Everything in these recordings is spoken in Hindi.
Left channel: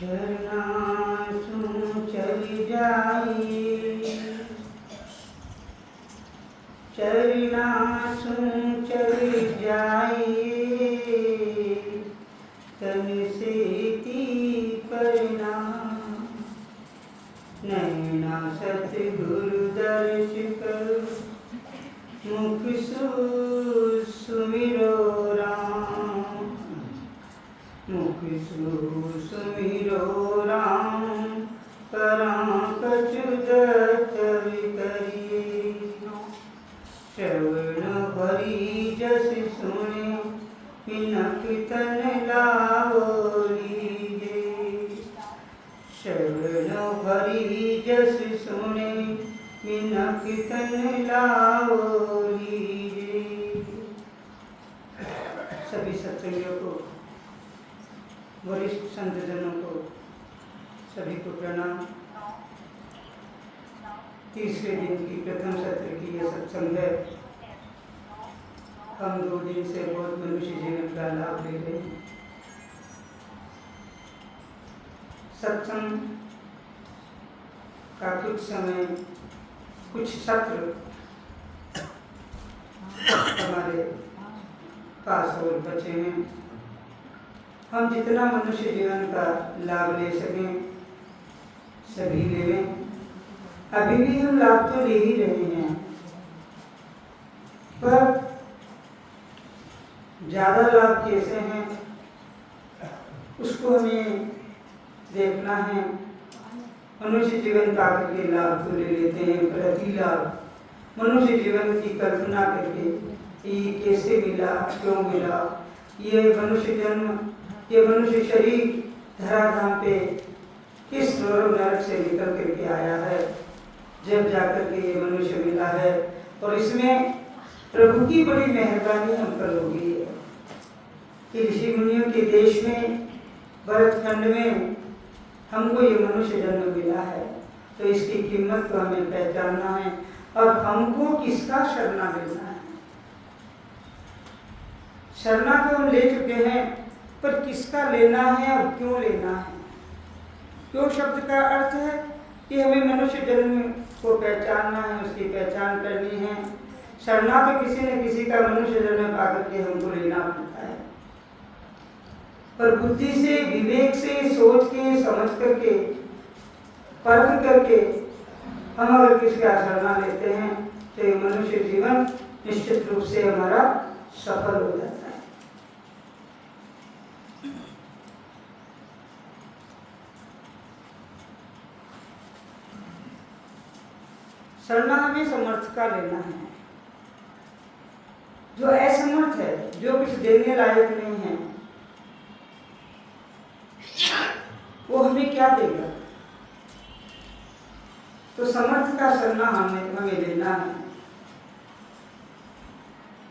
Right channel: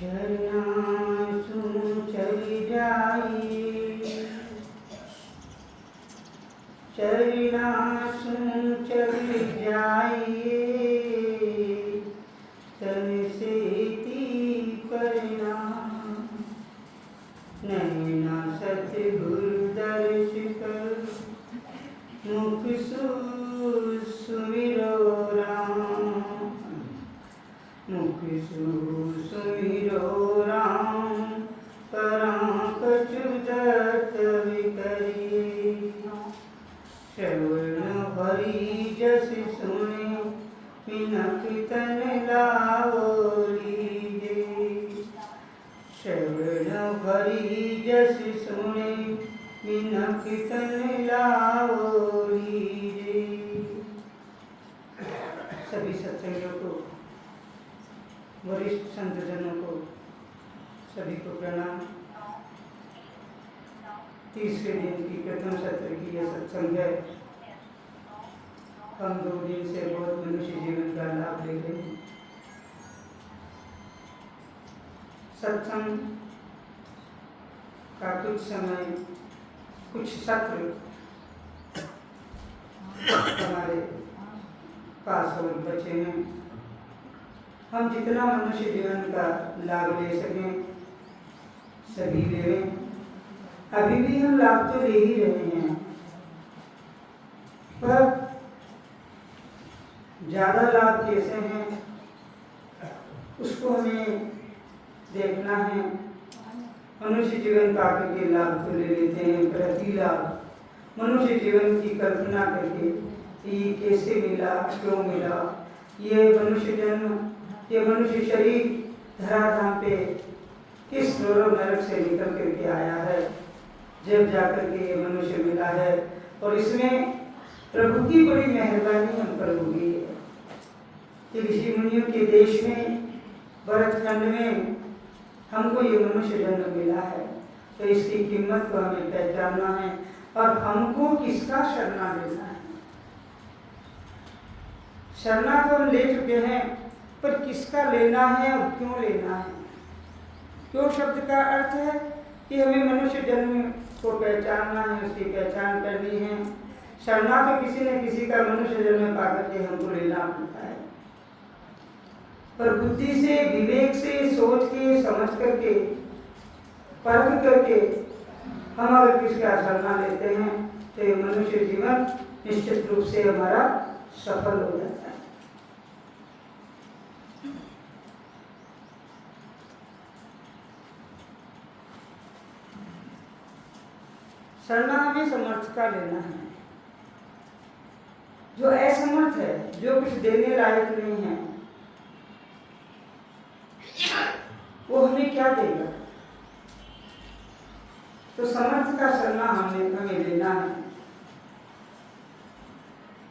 शरणासु चली जाई, चरणासु चली जाई, तन से ती परिणाम। नैना सतगुरु दर्श कर, मुख सुमिरो राम, मुख सुमिरो राम, करां कछु दत्त विकरी। श्रवण हरि जस सुने, मिनक तन लाओ लीजे। श्रवण हरि जस सुने, मिनक तन लाओ लीजे। सभी सत्संगियों को, वरिष्ठ संतजनों को, सभी को प्रणाम। तीसरे दिन की प्रथम सत्र की यह सत्संग है। हम 2 दिन से बहुत मनुष्य जीवन का लाभ ले रहे हैं। सत्संग का कुछ समय, कुछ सत्र हमारे पास और बचे हैं। हम जितना मनुष्य जीवन का लाभ ले सकें सभी लें। अभी भी हम लाभ तो ले ही रहे हैं, पर ज़्यादा लाभ कैसे हैं उसको हमें देखना है। मनुष्य जीवन का करके लाभ तो ले लेते हैं, प्रति लाभ मनुष्य जीवन की कल्पना करके ये कैसे मिला, क्यों मिला, ये मनुष्य जन्म, ये मनुष्य शरीर धराधाम पे किस नरक से निकल करके आया है, जब जाकर के ये मनुष्य मिला है। और इसमें प्रभु की बड़ी मेहरबानी हम पर होगी कि ऋषि मुनियों के देश में, भरतखंड में हमको ये मनुष्य जन्म मिला है। तो इसकी कीमत को हमें पहचानना है और हमको किसका शरणा लेना है। शरणा को हम ले चुके हैं, पर किसका लेना है और क्यों लेना है। क्यों शब्द का अर्थ है कि हमें मनुष्य जन्म को पहचानना है, उसकी पहचान करनी है। शरणा तो किसी न किसी का मनुष्य जन्म पाकर के हमको लेना पड़ता है, पर बुद्धि से, विवेक से, सोच के, समझ करके, परख करके हम अगर किसी का शरणा लेते हैं तो ये मनुष्य जीवन निश्चित रूप से हमारा सफल हो जाता है। शरणा हमें समर्थ का लेना है। जो असमर्थ है, जो कुछ देने लायक नहीं है, वो हमें क्या देगा। तो समर्थ का शरणा हमें लेना है।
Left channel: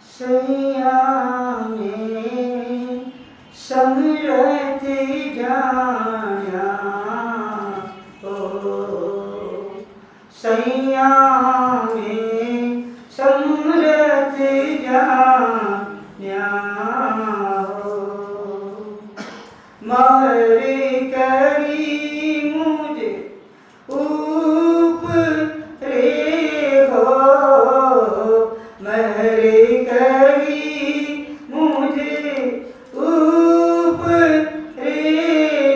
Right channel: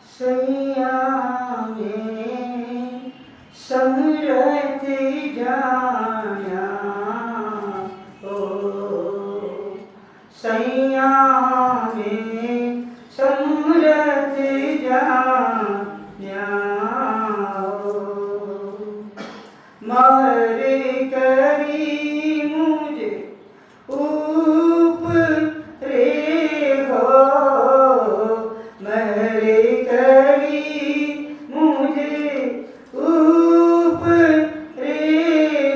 सैया में समरथ जाना, सैया में समरथ जाना, मर करी मुझे ऊपरे हो, मर करी मुझे ऊपरे,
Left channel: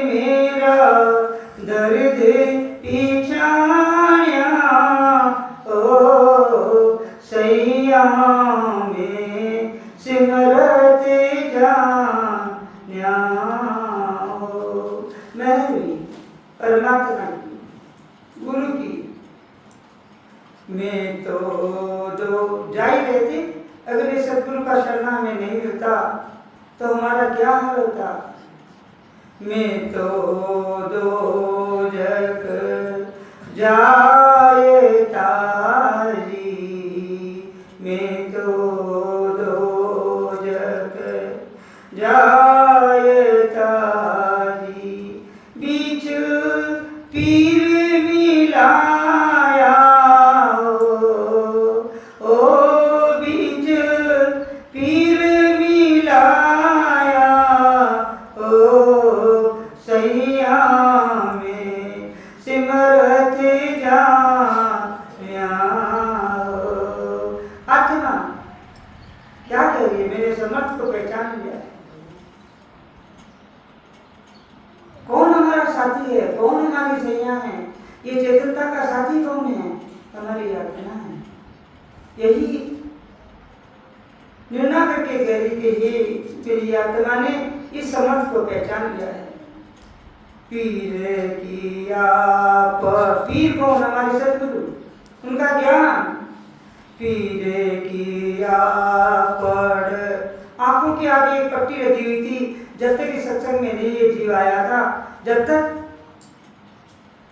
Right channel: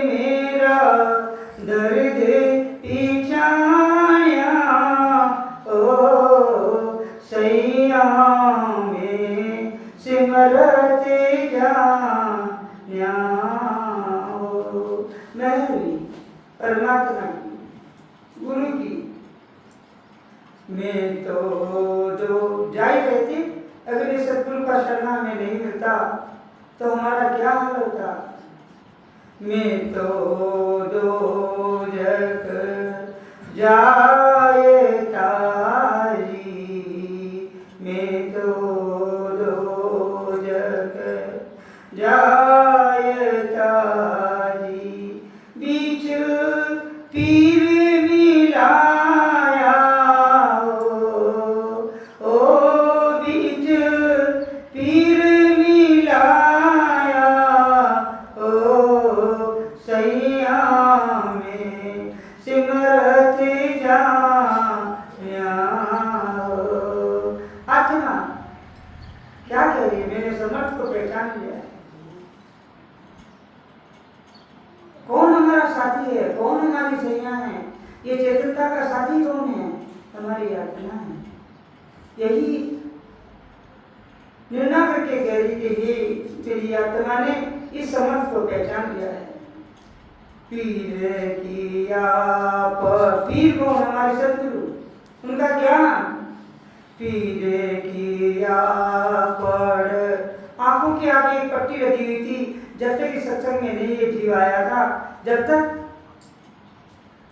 मेरा दर्द पीछाया, ओ सैया में सिमरत जान्या। महरी परमात्मा की, गुरु की, मैं तो दो जा ही रहे थे। अगर ये सतगुरु का शरणा हमें नहीं मिलता तो हमारा क्या हाल होता। मैं तो दो जग जाए तारी, मैं तो दो जग जाए तारी, बीच पीर मिलाया, ओ बीच पीर मिलाया, ओ सैया साथी है? कौन हमारी सैया है? ये चेतनता का साथी कौन है? हमारी आत्मा है। यही निर्णय करके कह रही कि हे तेरी आत्मा ने इस समर्थ को पहचान लिया है। पीर किया पीर कौन? हमारे सदगुरु, उनका ज्ञान। पीर किया पढ़, आंखों के आगे एक पट्टी लगी हुई थी। जब तक इस सत्संग में नहीं ये जीव आया था, जब तक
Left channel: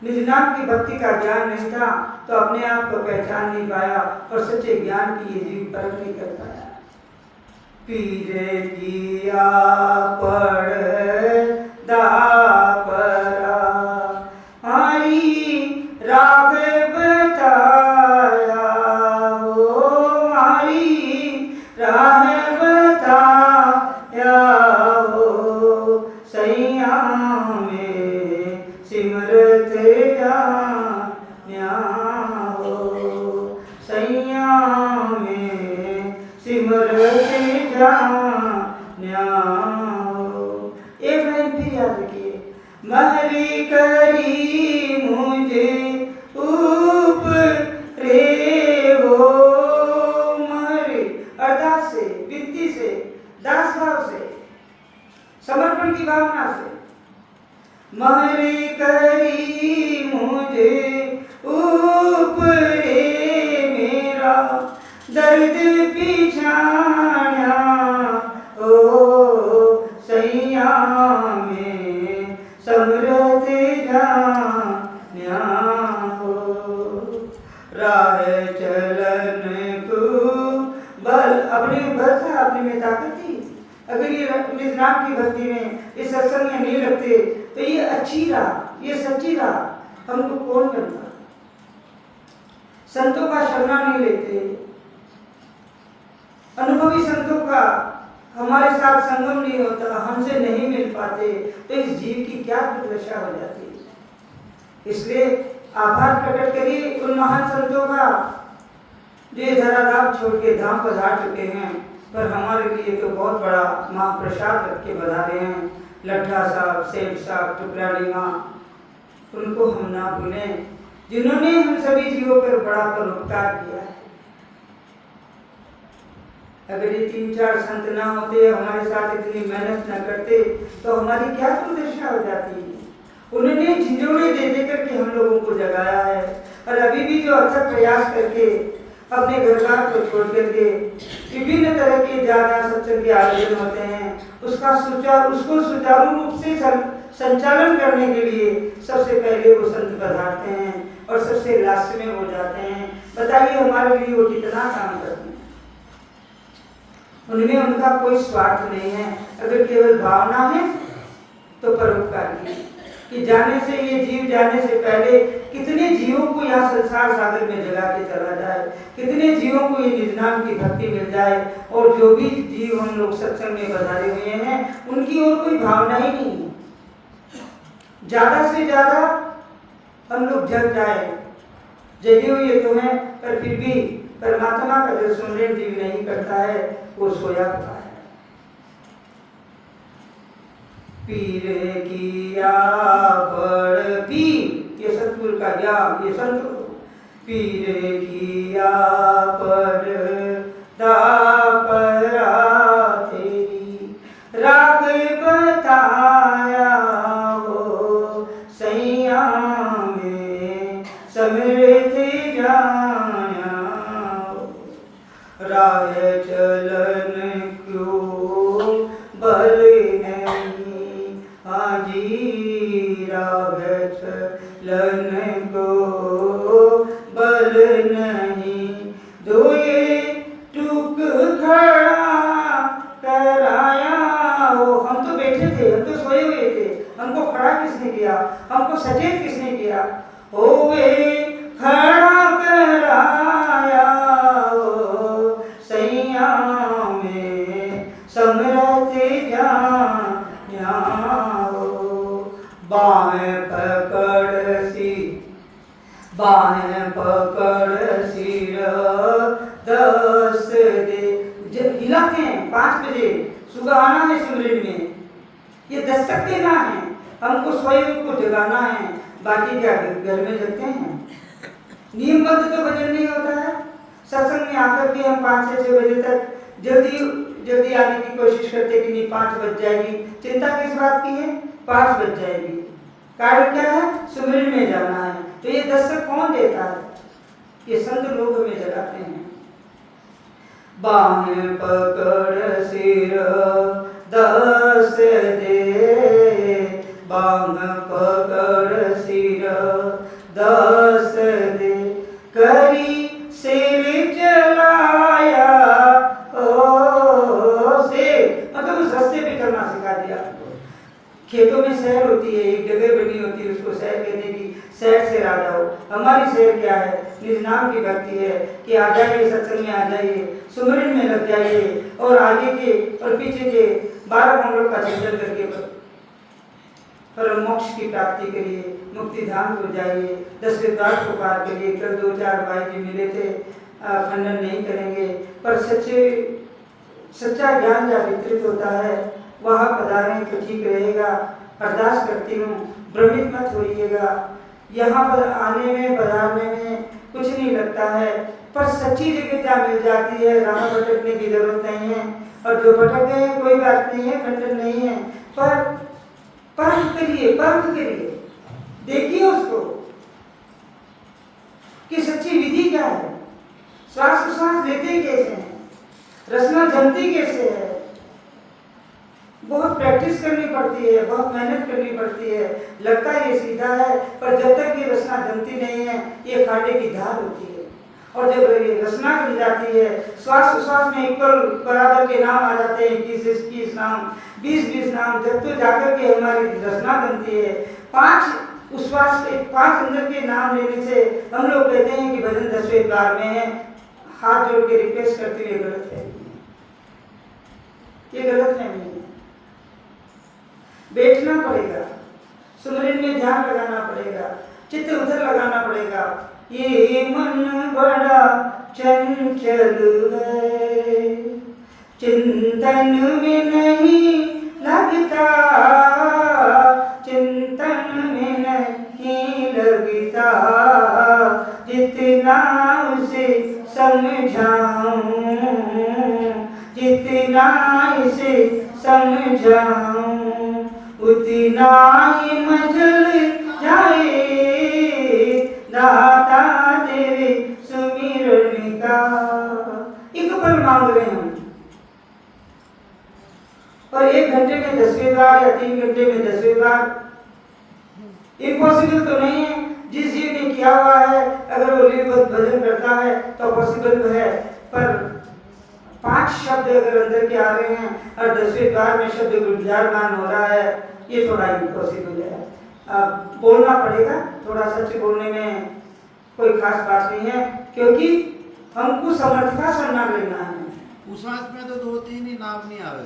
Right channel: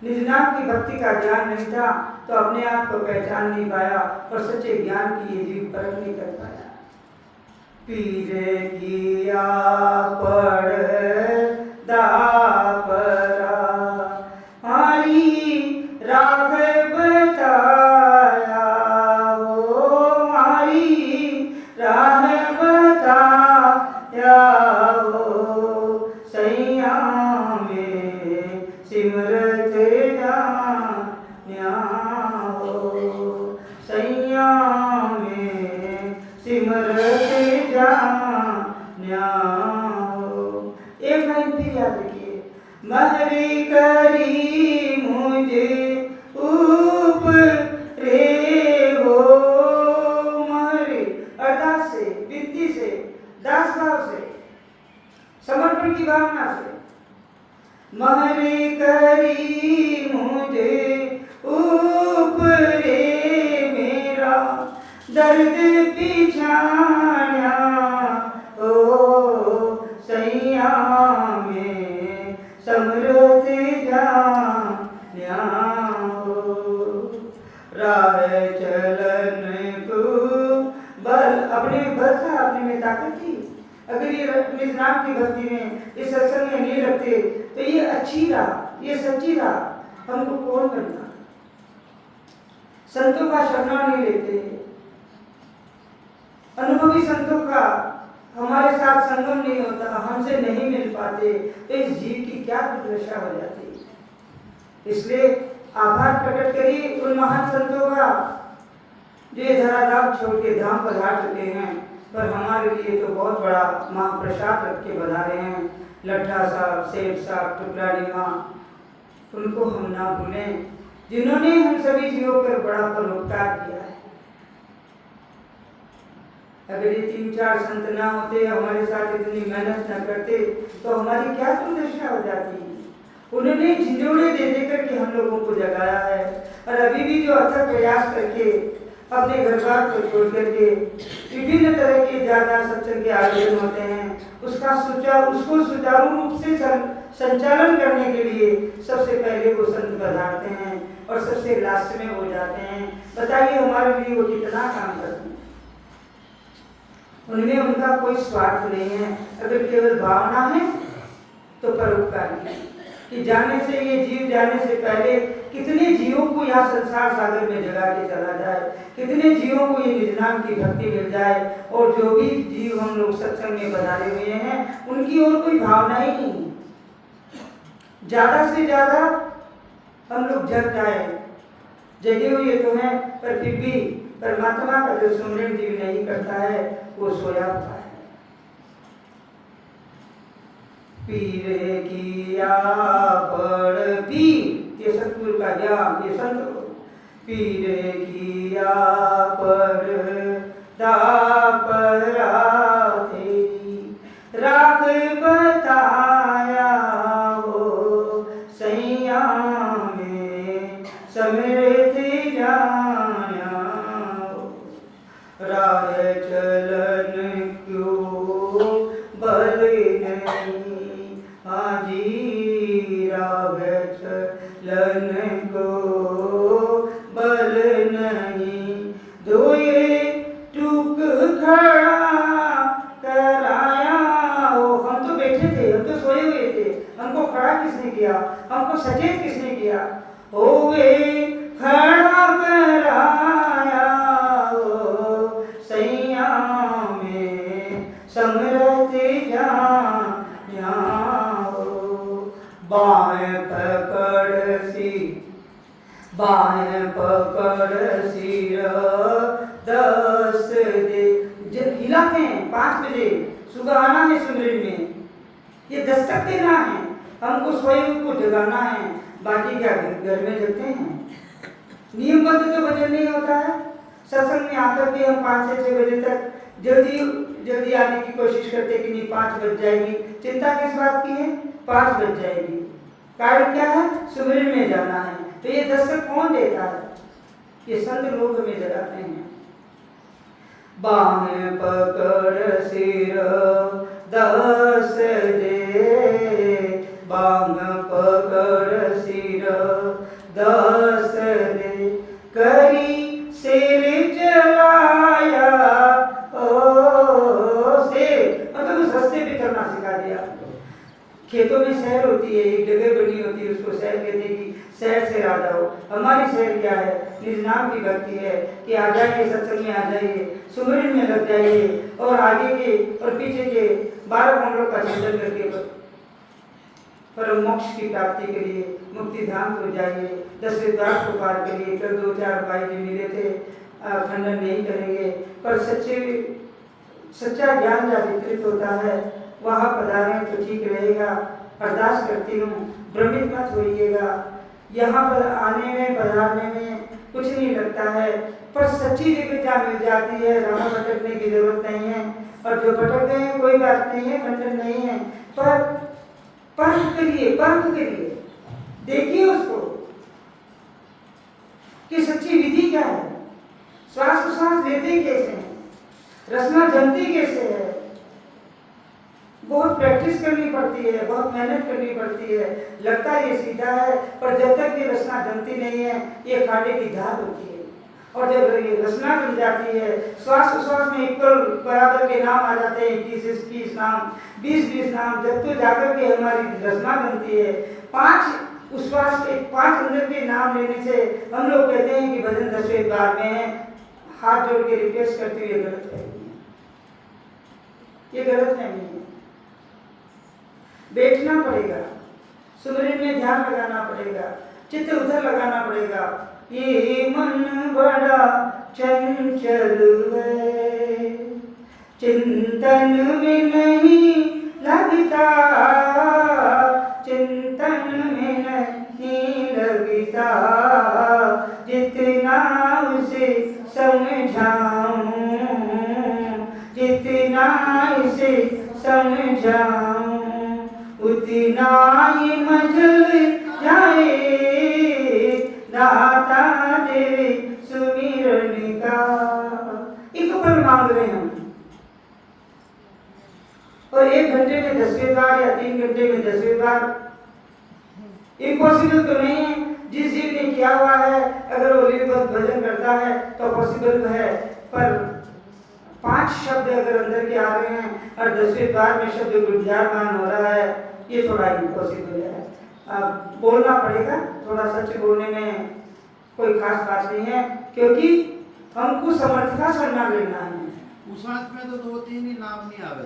निज नाम की भक्ति का ज्ञान नहीं था, तो अपने आप को पहचान नहीं पाया और सच्चे ज्ञान की ये जीव परख नहीं कर पाया। पीर किया पढ़ दापरा हरी राघ बताया, ओ हरी राघ बताया, ओ सैया में सिमरत जान्या, हो सैया में सिमरत जान्या। एक लाइन फिर याद रखिए, महरी करी मुझे ऊपरे हो, महरी अरदास से, विनती से, दास भाव से, समर्पण की भावना से। महरी करी मुझे ऊपरे मेरा दर्द पिछाया, ओ सैया में समरत जान्या, हो राह चलन को बल, अपने बल था, अपने में ताकत थी। अगर ये निज नाम की भक्ति में इस सत्संग में नहीं रखते तो ये अच्छी राह, ये सच्ची राह हमको कौन करता? संतों का शरणा नहीं लेते, अनुभवी संतों का हमारे साथ संगम नहीं होता, हमसे नहीं मिल पाते, तो इस जीव की क्या दुर्दशा हो जाती। इसलिए आभार प्रकट करिए उन महान संतों का जो धराधाम छोड़ के धाम पधार चुके हैं, पर हमारे लिए तो बहुत बड़ा महाप्रसाद रख के बधारे हैं। लड्ढा साहब, सेठ साहब, टुकराड़ी माँ, उनको हम ना भूलें, जिन्होंने हम सभी जीवों पर बड़ा परोपकार किया है। अगर ये 3-4 संत ना होते, हमारे साथ इतनी मेहनत न करते, तो हमारी क्या दुर्दशा हो जाती। उन्होंने झिझोड़े दे दे करके हम लोगों को जगाया है, और अभी भी जो अथक प्रयास करके अपने घर बार को छोड़ करके विभिन्न तरह के ज्यादा सत्संग के आयोजन होते हैं, उसको सुचारू रूप से संचालन करने के लिए सबसे पहले वो संत पधारते हैं और सबसे लास्ट में हो जाते हैं। बताइए हमारे लिए वो कितना काम करते हैं। उनमें उनका कोई स्वार्थ नहीं है, अगर केवल भावना है तो परोपकारी है कि जाने से, ये जीव जाने से पहले कितने जीवों को यहाँ संसार सागर में जगा के चला जाए, कितने जीवों को ये निज नाम की भक्ति मिल जाए, और जो भी जीव हम लोग सत्संग में बधारे हुए हैं उनकी और कोई भावना ही नहीं। ज्यादा से ज्यादा हम लोग जग जाए, जगे हुए तो हैं, पर फिर भी परमात्मा का जो सुमिरन जीव नहीं करता है वो सोया होता है। पीर किया पढ़, पीर ये सतगुरु का ज्ञान, ये संत को। पीर किया पढ़ दापरा तेरी राग बताया, हो सैया में समृत जान्या, राह चलन क्यों बल नहीं, हाजी राह चलन को बल नहीं, दोए टूक खड़ा कराया, हो हम तो बैठे थे, हम तो सोए हुए थे, हमको खड़ा किसने किया, हमको सचेत किसने किया, होवे खड़ा कराया, हो सैया में समरत जान्या, हो बाएं पकड़ सी, बाएं पकड़ सिर दस दे, हिलाते हैं 5 बजे, सुबह आना है सिमरन में, ये दस्तक देना है, हमको स्वयं को जगाना है, बाकी क्या घर में जगते हैं। नियमबद्ध तो भजन नहीं होता है। सत्संग में आकर के हम 5 से 6 बजे तक जल्दी आने की कोशिश करते कि नहीं 5 बज जाएगी। चिंता किस बात की है? 5 बज जाएगी। कारण क्या है? सुमिरन में जाना है। तो ये दस्तक कौन देता है? ये संत लोग हमें जगाते हैं। बाण पकड़ सिर 10 दे, बाण पकड़ सिर 10 दे, करी सिर जलाया ओ से, मतलब उस रास्ते भी करना सिखा दिया। खेतों में शहर होती है, एक जगह बनी होती है, उसको शहर कहते हैं कि शहर से आ जाओ। हमारी शहर क्या है? निज नाम की भक्ति है कि आ जाइए, सत्संग में आ जाइए, सुमिरन में लग जाइए और आगे के और पीछे के 12 मंडलों का चिंतन करके पर मोक्ष की प्राप्ति के लिए मुक्ति धाम को जाइए, 10वें द्वार को पार करिए। कल 2-4 भाई जी मिले थे, खंडन नहीं करेंगे, पर सच्चा ज्ञान जहाँ वितरित होता है वहाँ पधारें तो ठीक रहेगा। अरदास करती हूँ, भ्रमित मत होइएगा। यहाँ पर आने में पधारने में कुछ नहीं लगता है, पर सच्ची जगह जहाँ मिल जाती है, राह भटकने की जरूरत नहीं है। और जो भटक गए हैं कोई बात नहीं है, खंडन नहीं है, पर परख करिए, देखिए उसको कि सच्ची विधि क्या है, श्वास प्रश्वास लेते कैसे हैं, रचना जमती कैसे है। बहुत प्रैक्टिस करनी पड़ती है, बहुत मेहनत करनी पड़ती है। लगता है ये सीधा है, पर जब तक ये रचना जमती नहीं है, ये खाने की धार होती है। और जब ये रचना जम जाती है, श्वास प्रश्वास में इक्वल बराबर के नाम आ जाते हैं, 21 नाम, 20 नाम, जब तो जाकर के हमारी रचना बनती है। 5 उश्वास के 5 अंदर के नाम लेने से हम लोग कहते हैं कि भजन 10वें द्वार में है। हाथ जोड़ के रिक्वेस्ट करते हुए गलत है, ये गलत है। नहीं, बैठना पड़ेगा, सुमिरन में ध्यान लगाना पड़ेगा, चित्त उधर लगाना पड़ेगा। ये मन बड़ा चंचल है, चिंतन में नहीं लगता, चिंतन में नहीं लगता, जितना उसे समझाऊं, जितना इसे समझाऊं, उतना ही मजल जाए दाता तेरे सुमिरन का। एक पल मांग रहे हैं हम, और 1 घंटे में 10वें बार या 3 घंटे में 10वें बार इम्पॉसिबल तो नहीं है। जिस जी ने किया हुआ है, अगर वो लीलबद्ध भजन करता है तो पॉसिबल है, पर 5 शब्द अगर अंदर के आ रहे हैं और 10वें बार में शब्द गुंजायमान हो रहा है, ये थोड़ा इम्पॉसिबल है। अब बोलना पड़ेगा, थोड़ा सच बोलने में कोई खास बात नहीं है, क्योंकि हमको समर्थ का सम्मान लेना है। उस बात में तो 2-3 ही नाम नहीं आवे।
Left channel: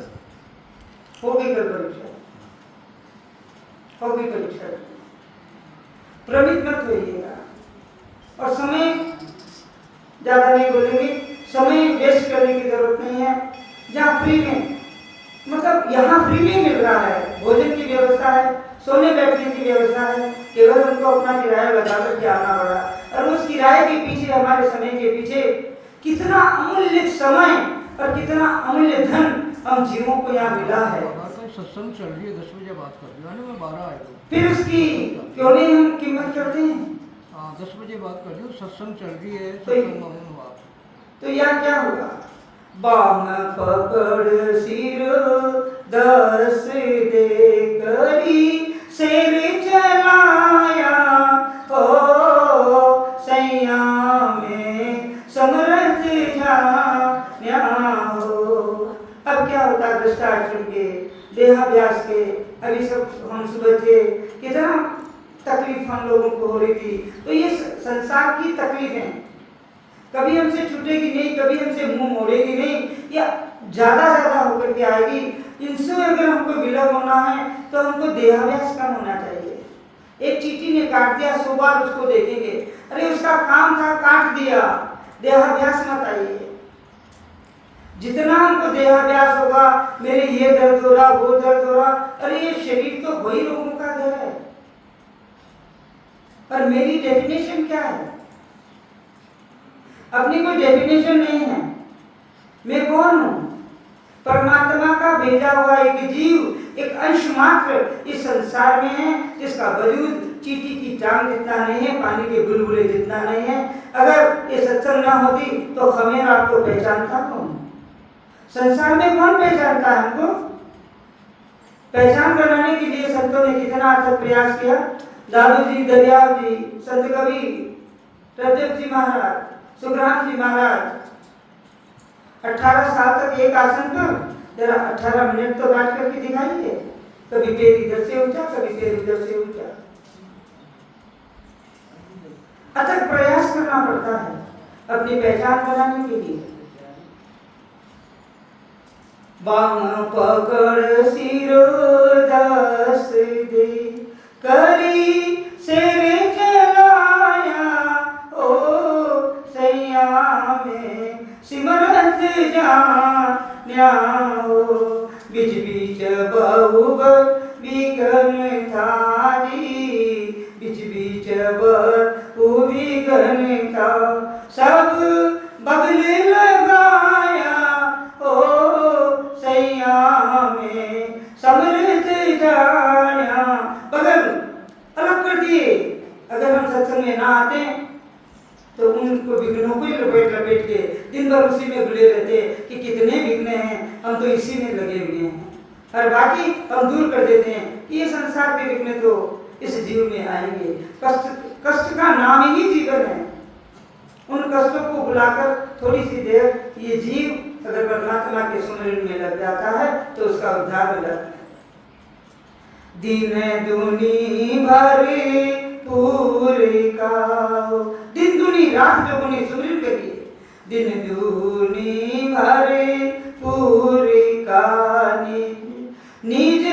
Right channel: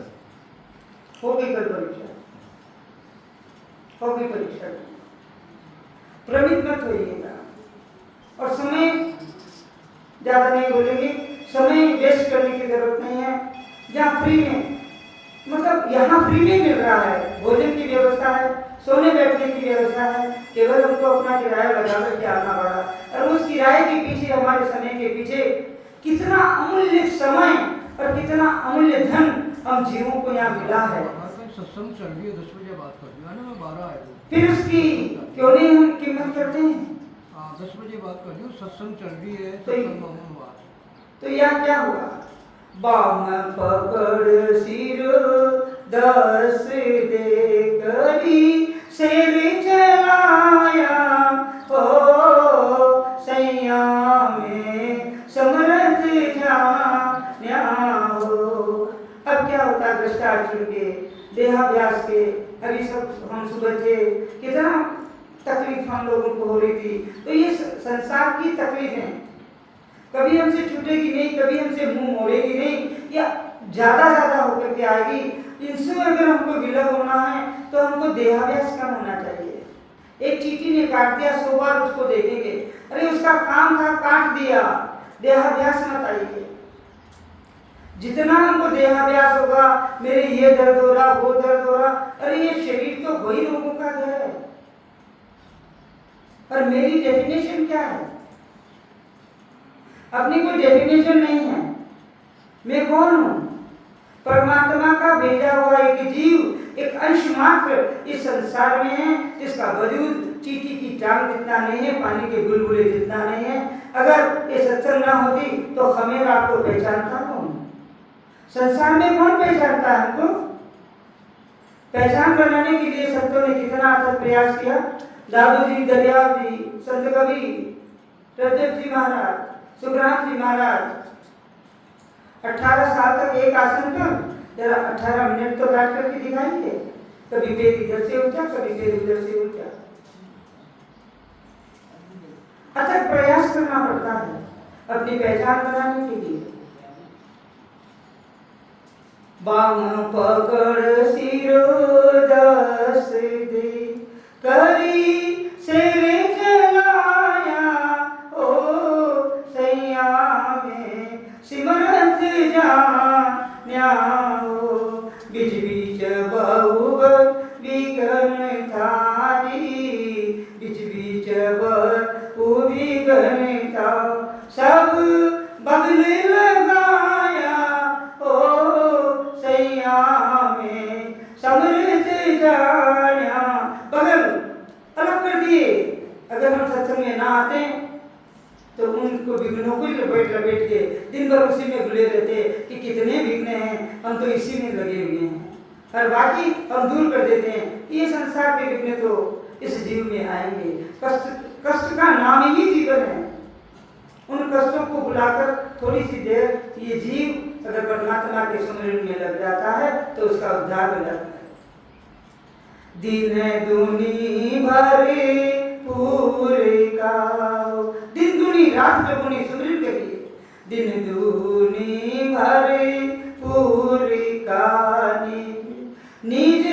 होगी कल परीक्षा, होगी परीक्षा, भ्रमित मत होइएगा। और समय ज्यादा नहीं बोलेंगे, समय वेस्ट करने की जरूरत नहीं है। जहाँ फ्री में, मतलब यहाँ फ्री में मिल रहा है, भोजन की व्यवस्था है, सोने बैठने की व्यवस्था है, केवल हमको अपना किराया लगा करके आना पड़ा। और उस किराए के पीछे, हमारे समय के पीछे कितना अमूल्य समय और कितना अमूल्य धन हम जीवों को यहाँ मिला है। सत्संग चल रही है, 10 बजे बात कर रही है, 12 है, फिर उसकी क्यों नहीं हम कीमत करते हैं? 10 बजे बात कर रही हूँ, सत्संग चल रही है, तो यहाँ क्या होगा? बाम पकड़ सिर 10 दे, करी सिर जलाया ओ सैया में समरथ जान्या हो। अब क्या होता है? भ्रष्टाचार के देहाभ्यास के, अभी सब हम सुबह थे, कितना तकलीफ हम लोगों को हो रही थी। तो ये संसार की तकलीफ है, कभी हमसे छूटेगी नहीं, कभी हमसे मुंह मोड़ेगी नहीं, या ज्यादा होकर के आएगी। इनसे अगर हमको विलग होना है तो हमको देहाभ्यास कम होना चाहिए। एक चींटी ने काट दिया, 100 बार उसको देखेंगे, अरे उसका काम था, काट दिया, देहाभ्यास मत आइए। जितना हमको देहाभ्यास होगा, मेरे ये दर्द हो रहा, वो दर्द हो रहा, अरे ये शरीर तो वही लोगों का पद है, पर मेरी डेफिनेशन क्या है? अपनी कोई डेफिनेशन नहीं है। मैं कौन हूं? परमात्मा का भेजा हुआ एक जीव, एक अंश मात्र इस संसार में है, जिसका वजूद चींटी की टांग जितना नहीं है, पानी के बुलबुले जितना नहीं है। अगर ये सत्संग ना होती तो खमेर आपको पहचानता कौन? संसार में कौन पहचानता है हमको? पहचान बनाने के लिए संतों ने कितना अथक प्रयास किया। दादू जी, दरियाव जी, संत कवि, रजब जी महाराज, सुखराम जी महाराज 18 साल तक एक आसन पर जरा 18 मिनट तो बैठ करके दिखाइए। कभी पैर इधर से उठा, कभी पैर उधर से उठा। अथक प्रयास करना पड़ता है अपनी पहचान बनाने के लिए। बाम पकड़ सिरोदास दे करी सेरे चलाया, ओ सैया में सिमरत जान्याओ। बीच बीच बहु विघन थारी, बीच बीच बहु विघन था। सब बगल लगाया, ओ सैया में समृत जान्या। बगल अलग कर दिए। अगर हम सत्संग में ना आते तो उनको विघ्नों को लपेट लपेट के दिन भर उसी में घुले रहते कि कितने विघ्न हैं, हम तो इसी में लगे हुए हैं, और बाकी हम दूर कर देते हैं। ये संसार के विघ्न तो इस जीव में आएंगे। कष्ट का नाम ही जीवन है। उन कष्टों को बुलाकर थोड़ी सी देर ये जीव अगर परमात्मा के सुमिरन में लग जाता है तो उसका उद्धार हो जाता है। दिन दुनी भरे पूरे का, दिन दुनी रात जो दुनी सुमिरन करिए। दिन दुनी भरे पूरे का, निज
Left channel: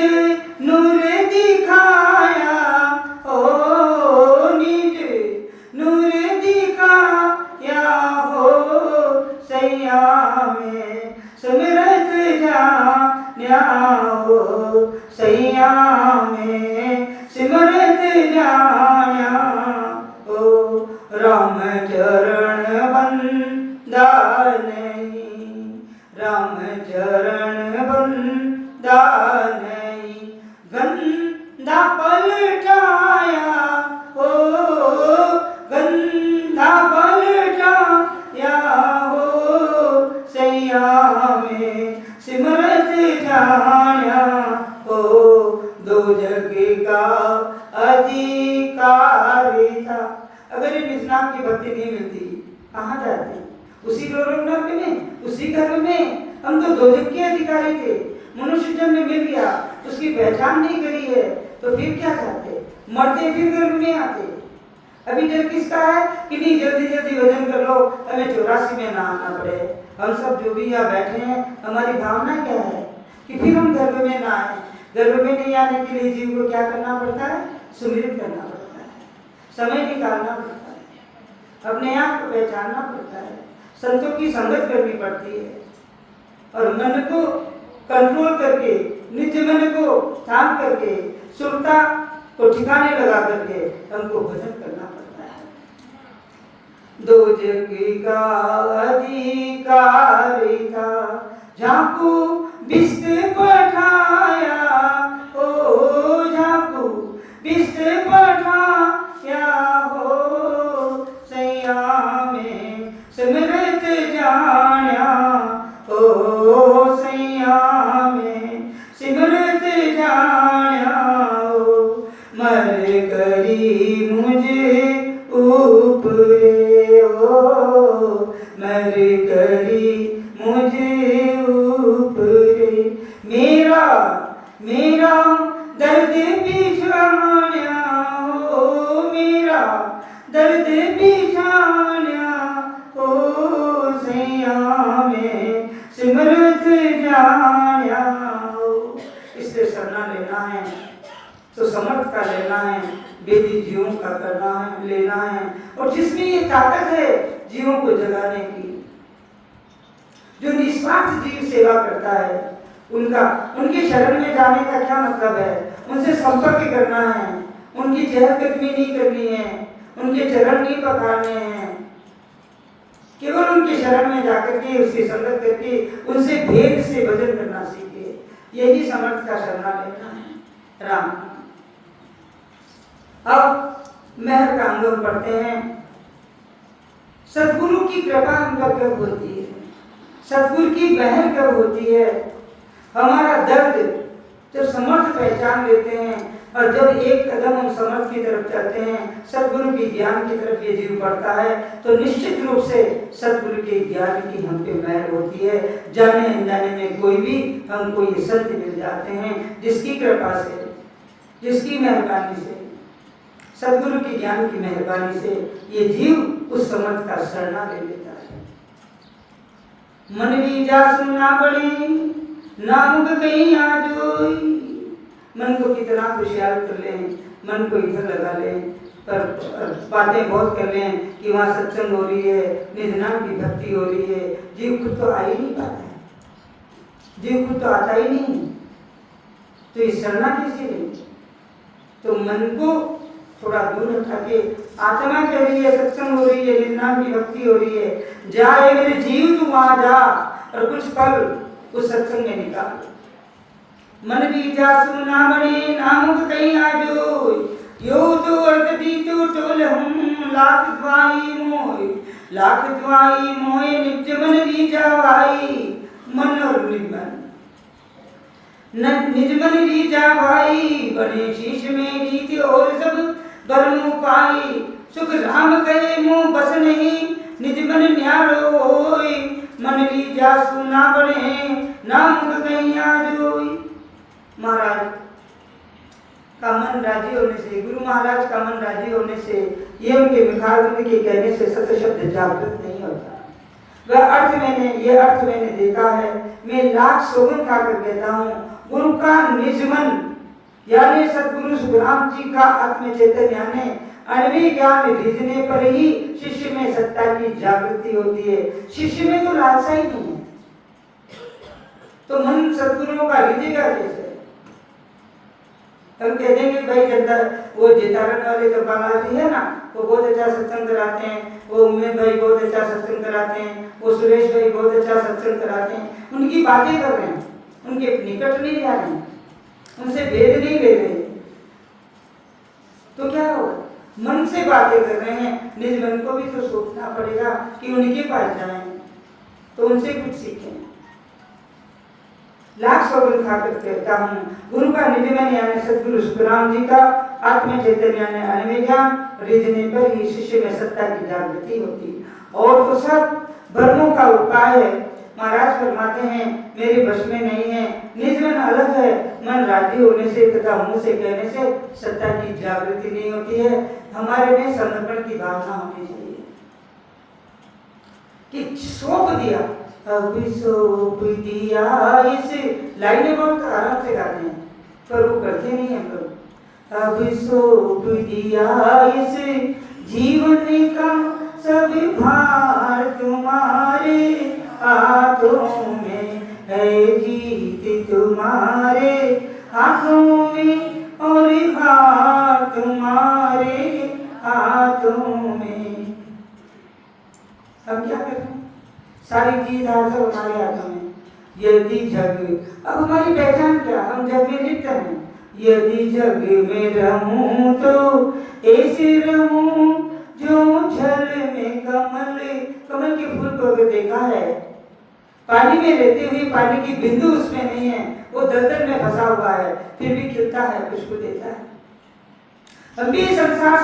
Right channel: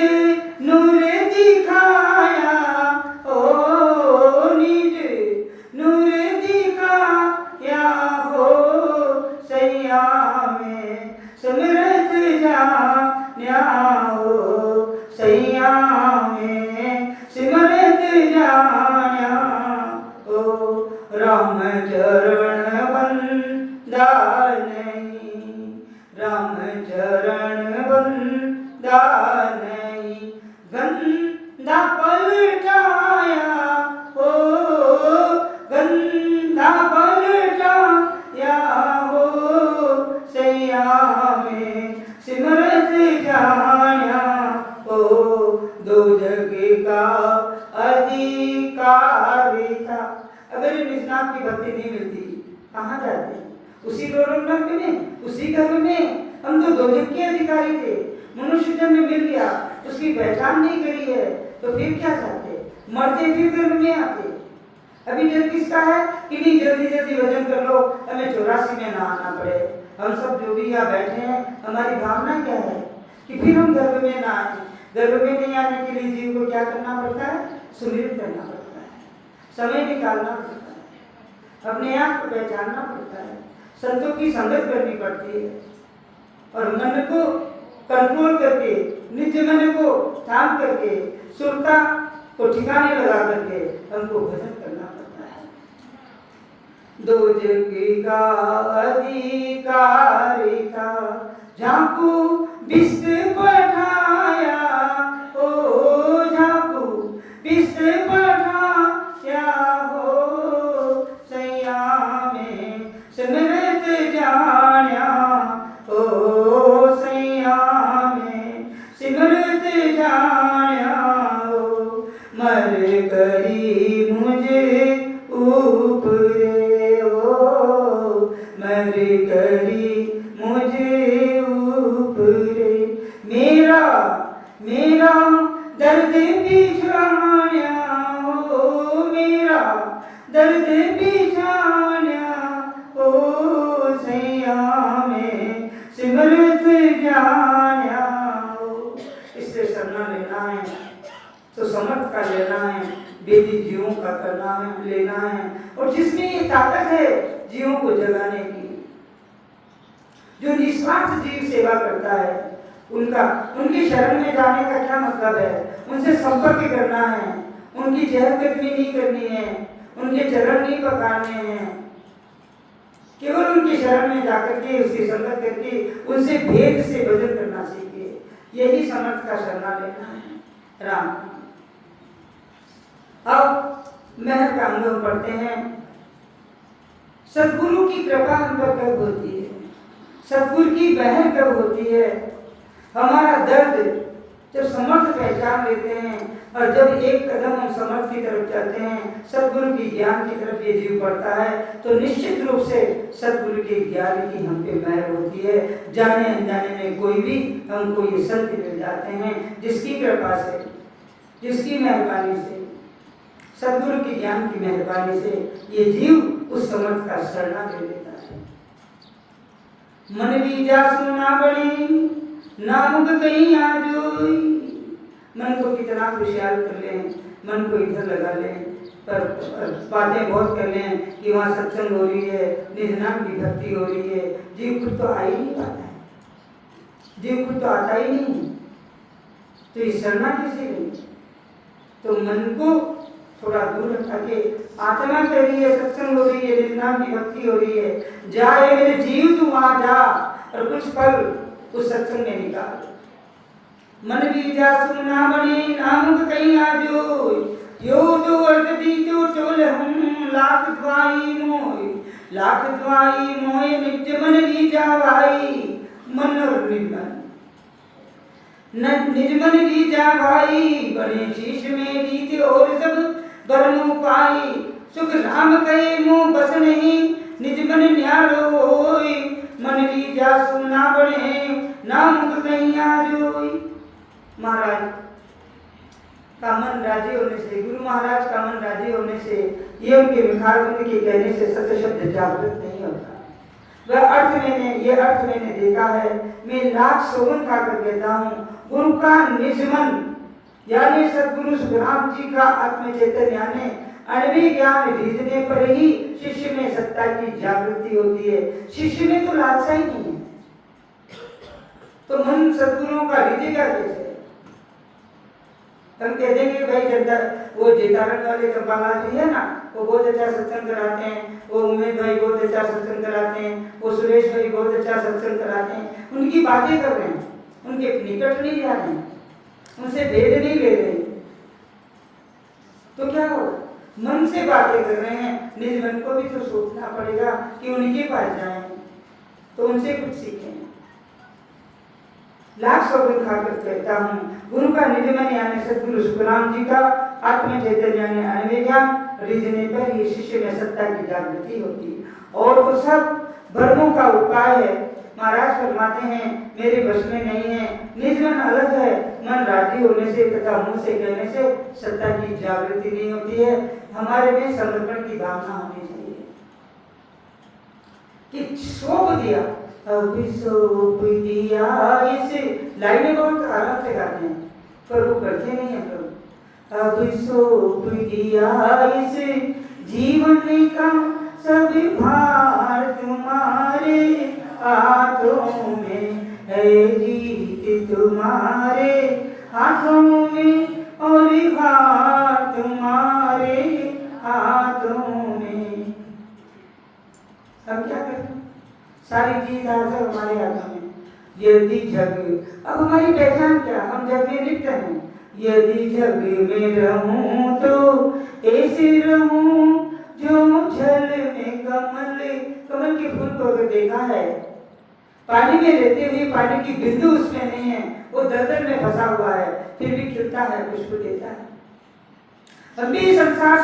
नूर दिखाया, ओ निज नूर दिखाया, हो सैया में समृत जान्याओ। सैया में सिमरत जान्या, ओ राम चरण बंदा नहीं, राम चरण बंदा नहीं। गंदा पलटाया, ओ गंदा पलटाया, हो सैया में सिमरत जान्या, ओ दो जग का अधिकार था। अगर ये निष्णाम की भक्ति नहीं मिलती कहाँ जाते? उसी रोरंग में, उसी घर में। हम तो दो जग के अधिकारी थे, मनुष्य जन्म मिल गया, उसकी पहचान नहीं करी है तो फिर क्या चाहते? मरते फिर गर्भ में आते। अभी डर किसका है कि नहीं जल्दी जल्दी भजन कर लो, हमें 84 में ना आना पड़े। हम सब जो भी यहाँ बैठे हैं, हमारी भावना क्या है कि फिर हम गर्भ में ना आए। गर्भ में नहीं आने के लिए जीव को क्या करना पड़ता है? सुमिरन करना पड़ता है, समय निकालना पड़ता है, अपने आप को पहचानना पड़ता है, संतों की संगत करनी पड़ती है, और मन को कंट्रोल करके, निज मन को थाम करके, सुरता को ठिकाने लगा करके हमको भजन करना पड़ता है। दो जग का अधिकारी था, झांकू बिस्त पठाया, ओ झांकू बिस्त पठाया, हो सैया में सिमरत जान्या, ओ सैया में सिमरत जान्या। मर करी मुझे ऊपरे, ओ मर करी मुझे ऊपरे। मेरा मेरा दर्द बिछाया, ओ मेरा दर्द बिछाया, ओ सैया में सिमरत जान्या। इसलिए शरणा लेना है तो समर्थ का लेना है, बेदी जीवों का करना है, लेना है। और जिसमें ये ताकत है जीवों को जगाने की, जो निस्वार्थ जीव सेवा करता है, उनके शरण में जाने का क्या मतलब है? उनसे संपर्क करना है, उनकी चहलकदमी नहीं करनी है, उनके चरण नहीं पखारने हैं, केवल उनके शरण में जाकर के उसकी संगत करके उनसे भेद से भजन करना सीखिए। यही समर्थ का शरणा लेना है। राम। अब महर का अंग पढ़ते हैं। सदगुरु की कृपा हम पर कब होती है, सदगुरु की महर कब होती है? हमारा दर्द जब समर्थ पहचान लेते हैं और जब एक कदम हम समर्थ की तरफ चलते हैं, सदगुरु के ज्ञान की तरफ ये जीव बढ़ता है, तो निश्चित रूप से सदगुरु के ज्ञान की हम पे महर होती है। जाने अनजाने में कोई भी हमको ये सत्य मिल जाते हैं, जिसकी कृपा से, जिसकी मेहरबानी से, सदगुरु की ज्ञान की मेहरबानी से ये जीव उस समर्थ का शरणा ले लेता है। मन भी जा सुनना बड़ी नामुक कहीं आजोई। मन को कितना खुशहाल कर लें, मन को इधर लगा लें, पर बातें बहुत कर लें कि वहाँ सत्संग हो रही है, निज नाम की भक्ति हो रही है, जीव खुद तो आ ही नहीं पाता है, जीव खुद तो आता ही नहीं, तो ये शरणा कैसे लें? तो मन को थोड़ा दूर हटा के आत्मा कह रही है, सत्संग हो रही है, निज नाम की भक्ति हो रही है, जाए मेरे जीव तू वहाँ जा और कुछ पल उस सत्संग में निकाल। मन भी जा सुना बने नामुक कहीं आजो, यो तो अर्थ भी तो टोल हम लाख द्वाई मोय, लाख द्वाई मोय निज मन भी जा भाई। मन और निज मन, निज मन भी जा भाई, बने शीश में जीत और सब बरम पाई। सुख राम कहे मोह बस नहीं, निज मन न्यारो होय, मन भी जा सुना बने नामुक कहीं आजोई। महाराज का मन राजी होने से, गुरु महाराज का मन राजी होने से, ये उनके मुखारबिंद के कहने से सत्य शब्द जागृत नहीं होता। ये अर्थ मैंने देखा है। मैं लाख सौगंध खाकर कहता हूँ, गुरु का निज मन यानी सदगुरु सुखराम जी का आत्म चैतन्य यानी अणवी ज्ञान रिझने पर ही शिष्य में सत्ता की जागृति होती है। शिष्य में तो लालसा ही नहीं है, तो मन सदगुरुओं का रिझेगा कैसे? हम कह देंगे भाई जनता वो जेतारन वाले जो बालाजी है ना, वो बहुत अच्छा सत्संग कराते हैं, वो उमेश भाई बहुत अच्छा सत्संग कराते हैं, वो सुरेश भाई बहुत अच्छा सत्संग कराते हैं, उनकी बातें कर रहे हैं, उनके निकट नहीं जा रहे हैं, उनसे भेद नहीं ले रहे, तो क्या होगा? मन से बातें कर रहे हैं, निज मन को भी तो सोचना पड़ेगा कि उनके पास जाएं, तो उनसे कुछ सीखें। लाख सौगंध खाकर कहता हूँ, गुरु का निज मन यानी सदगुरु सुखराम जी का आत्म चैतन्य यानी अणवी ज्ञान रिझने पर ही शिष्य में सत्ता की जागृति होती है। और तो सब भ्रमों का उपाय है। महाराज फरमाते हैं, मेरे बस में नहीं है, निज मन अलग है, मन राजी होने से तथा मुंह से कहने से सत्ता की जागृति नहीं होती है। हमारे में समर्पण की भावना होनी चाहिए कि सौंप दिया, अभी सौंप दिया। इस लाइनें बहुत आराम से गाते हैं, पर वो करते नहीं है लोग। अभी सौंप दिया इस जीवन का सब भार तुम्हारे हाथों में है, जीत तुम्हारे हाथों में और भार तुम्हारे हाथों में। अब क्या करें? सारी जीत हासिल हमारे हाथों में। यदि जग, अब हमारी पहचान क्या? हम जग में लिप्त हैं। यदि जग में रहूं तो ऐसे रहूं जो जल में कमल, कमल के फूल को अगर देखा है, पानी में रहते हुए पानी की बिंदु उसमें नहीं है, वो दलदल में फंसा हुआ है, फिर भी खिलता है, खुशबू देता है। हम भी संसार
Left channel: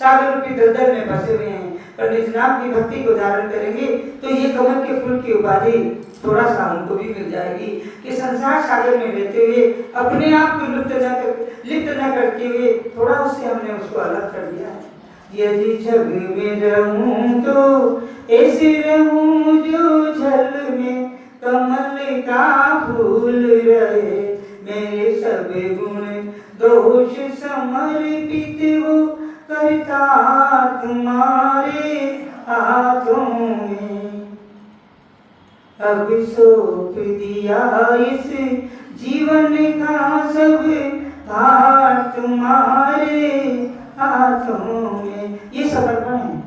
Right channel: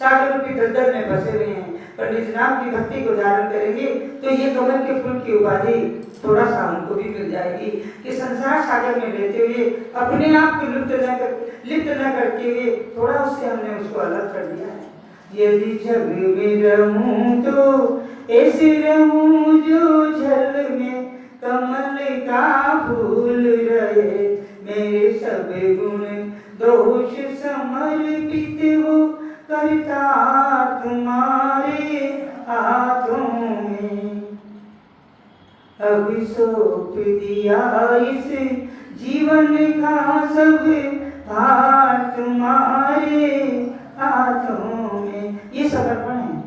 सागर रूपी दलदल में फंसे हुए हैं, पर निज नाम की भक्ति को धारण करेंगे तो ये कमल के फूल की उपाधि थोड़ा सा हमको भी मिल जाएगी कि संसार सागर में रहते हुए अपने आप को लिप्त न करते हुए थोड़ा उससे हमने उसको अलग कर दिया है। यदि जग में रहूं तो ऐसे रहूं जो जल में कमल का फूल रहे, मेरे सब गुण दोष समर्पित हो करता तुम्हारे हाथों में। अब सौंप दिया इस जीवन का सब हाथ तुम्हारे हाथों में। ये समर्पण है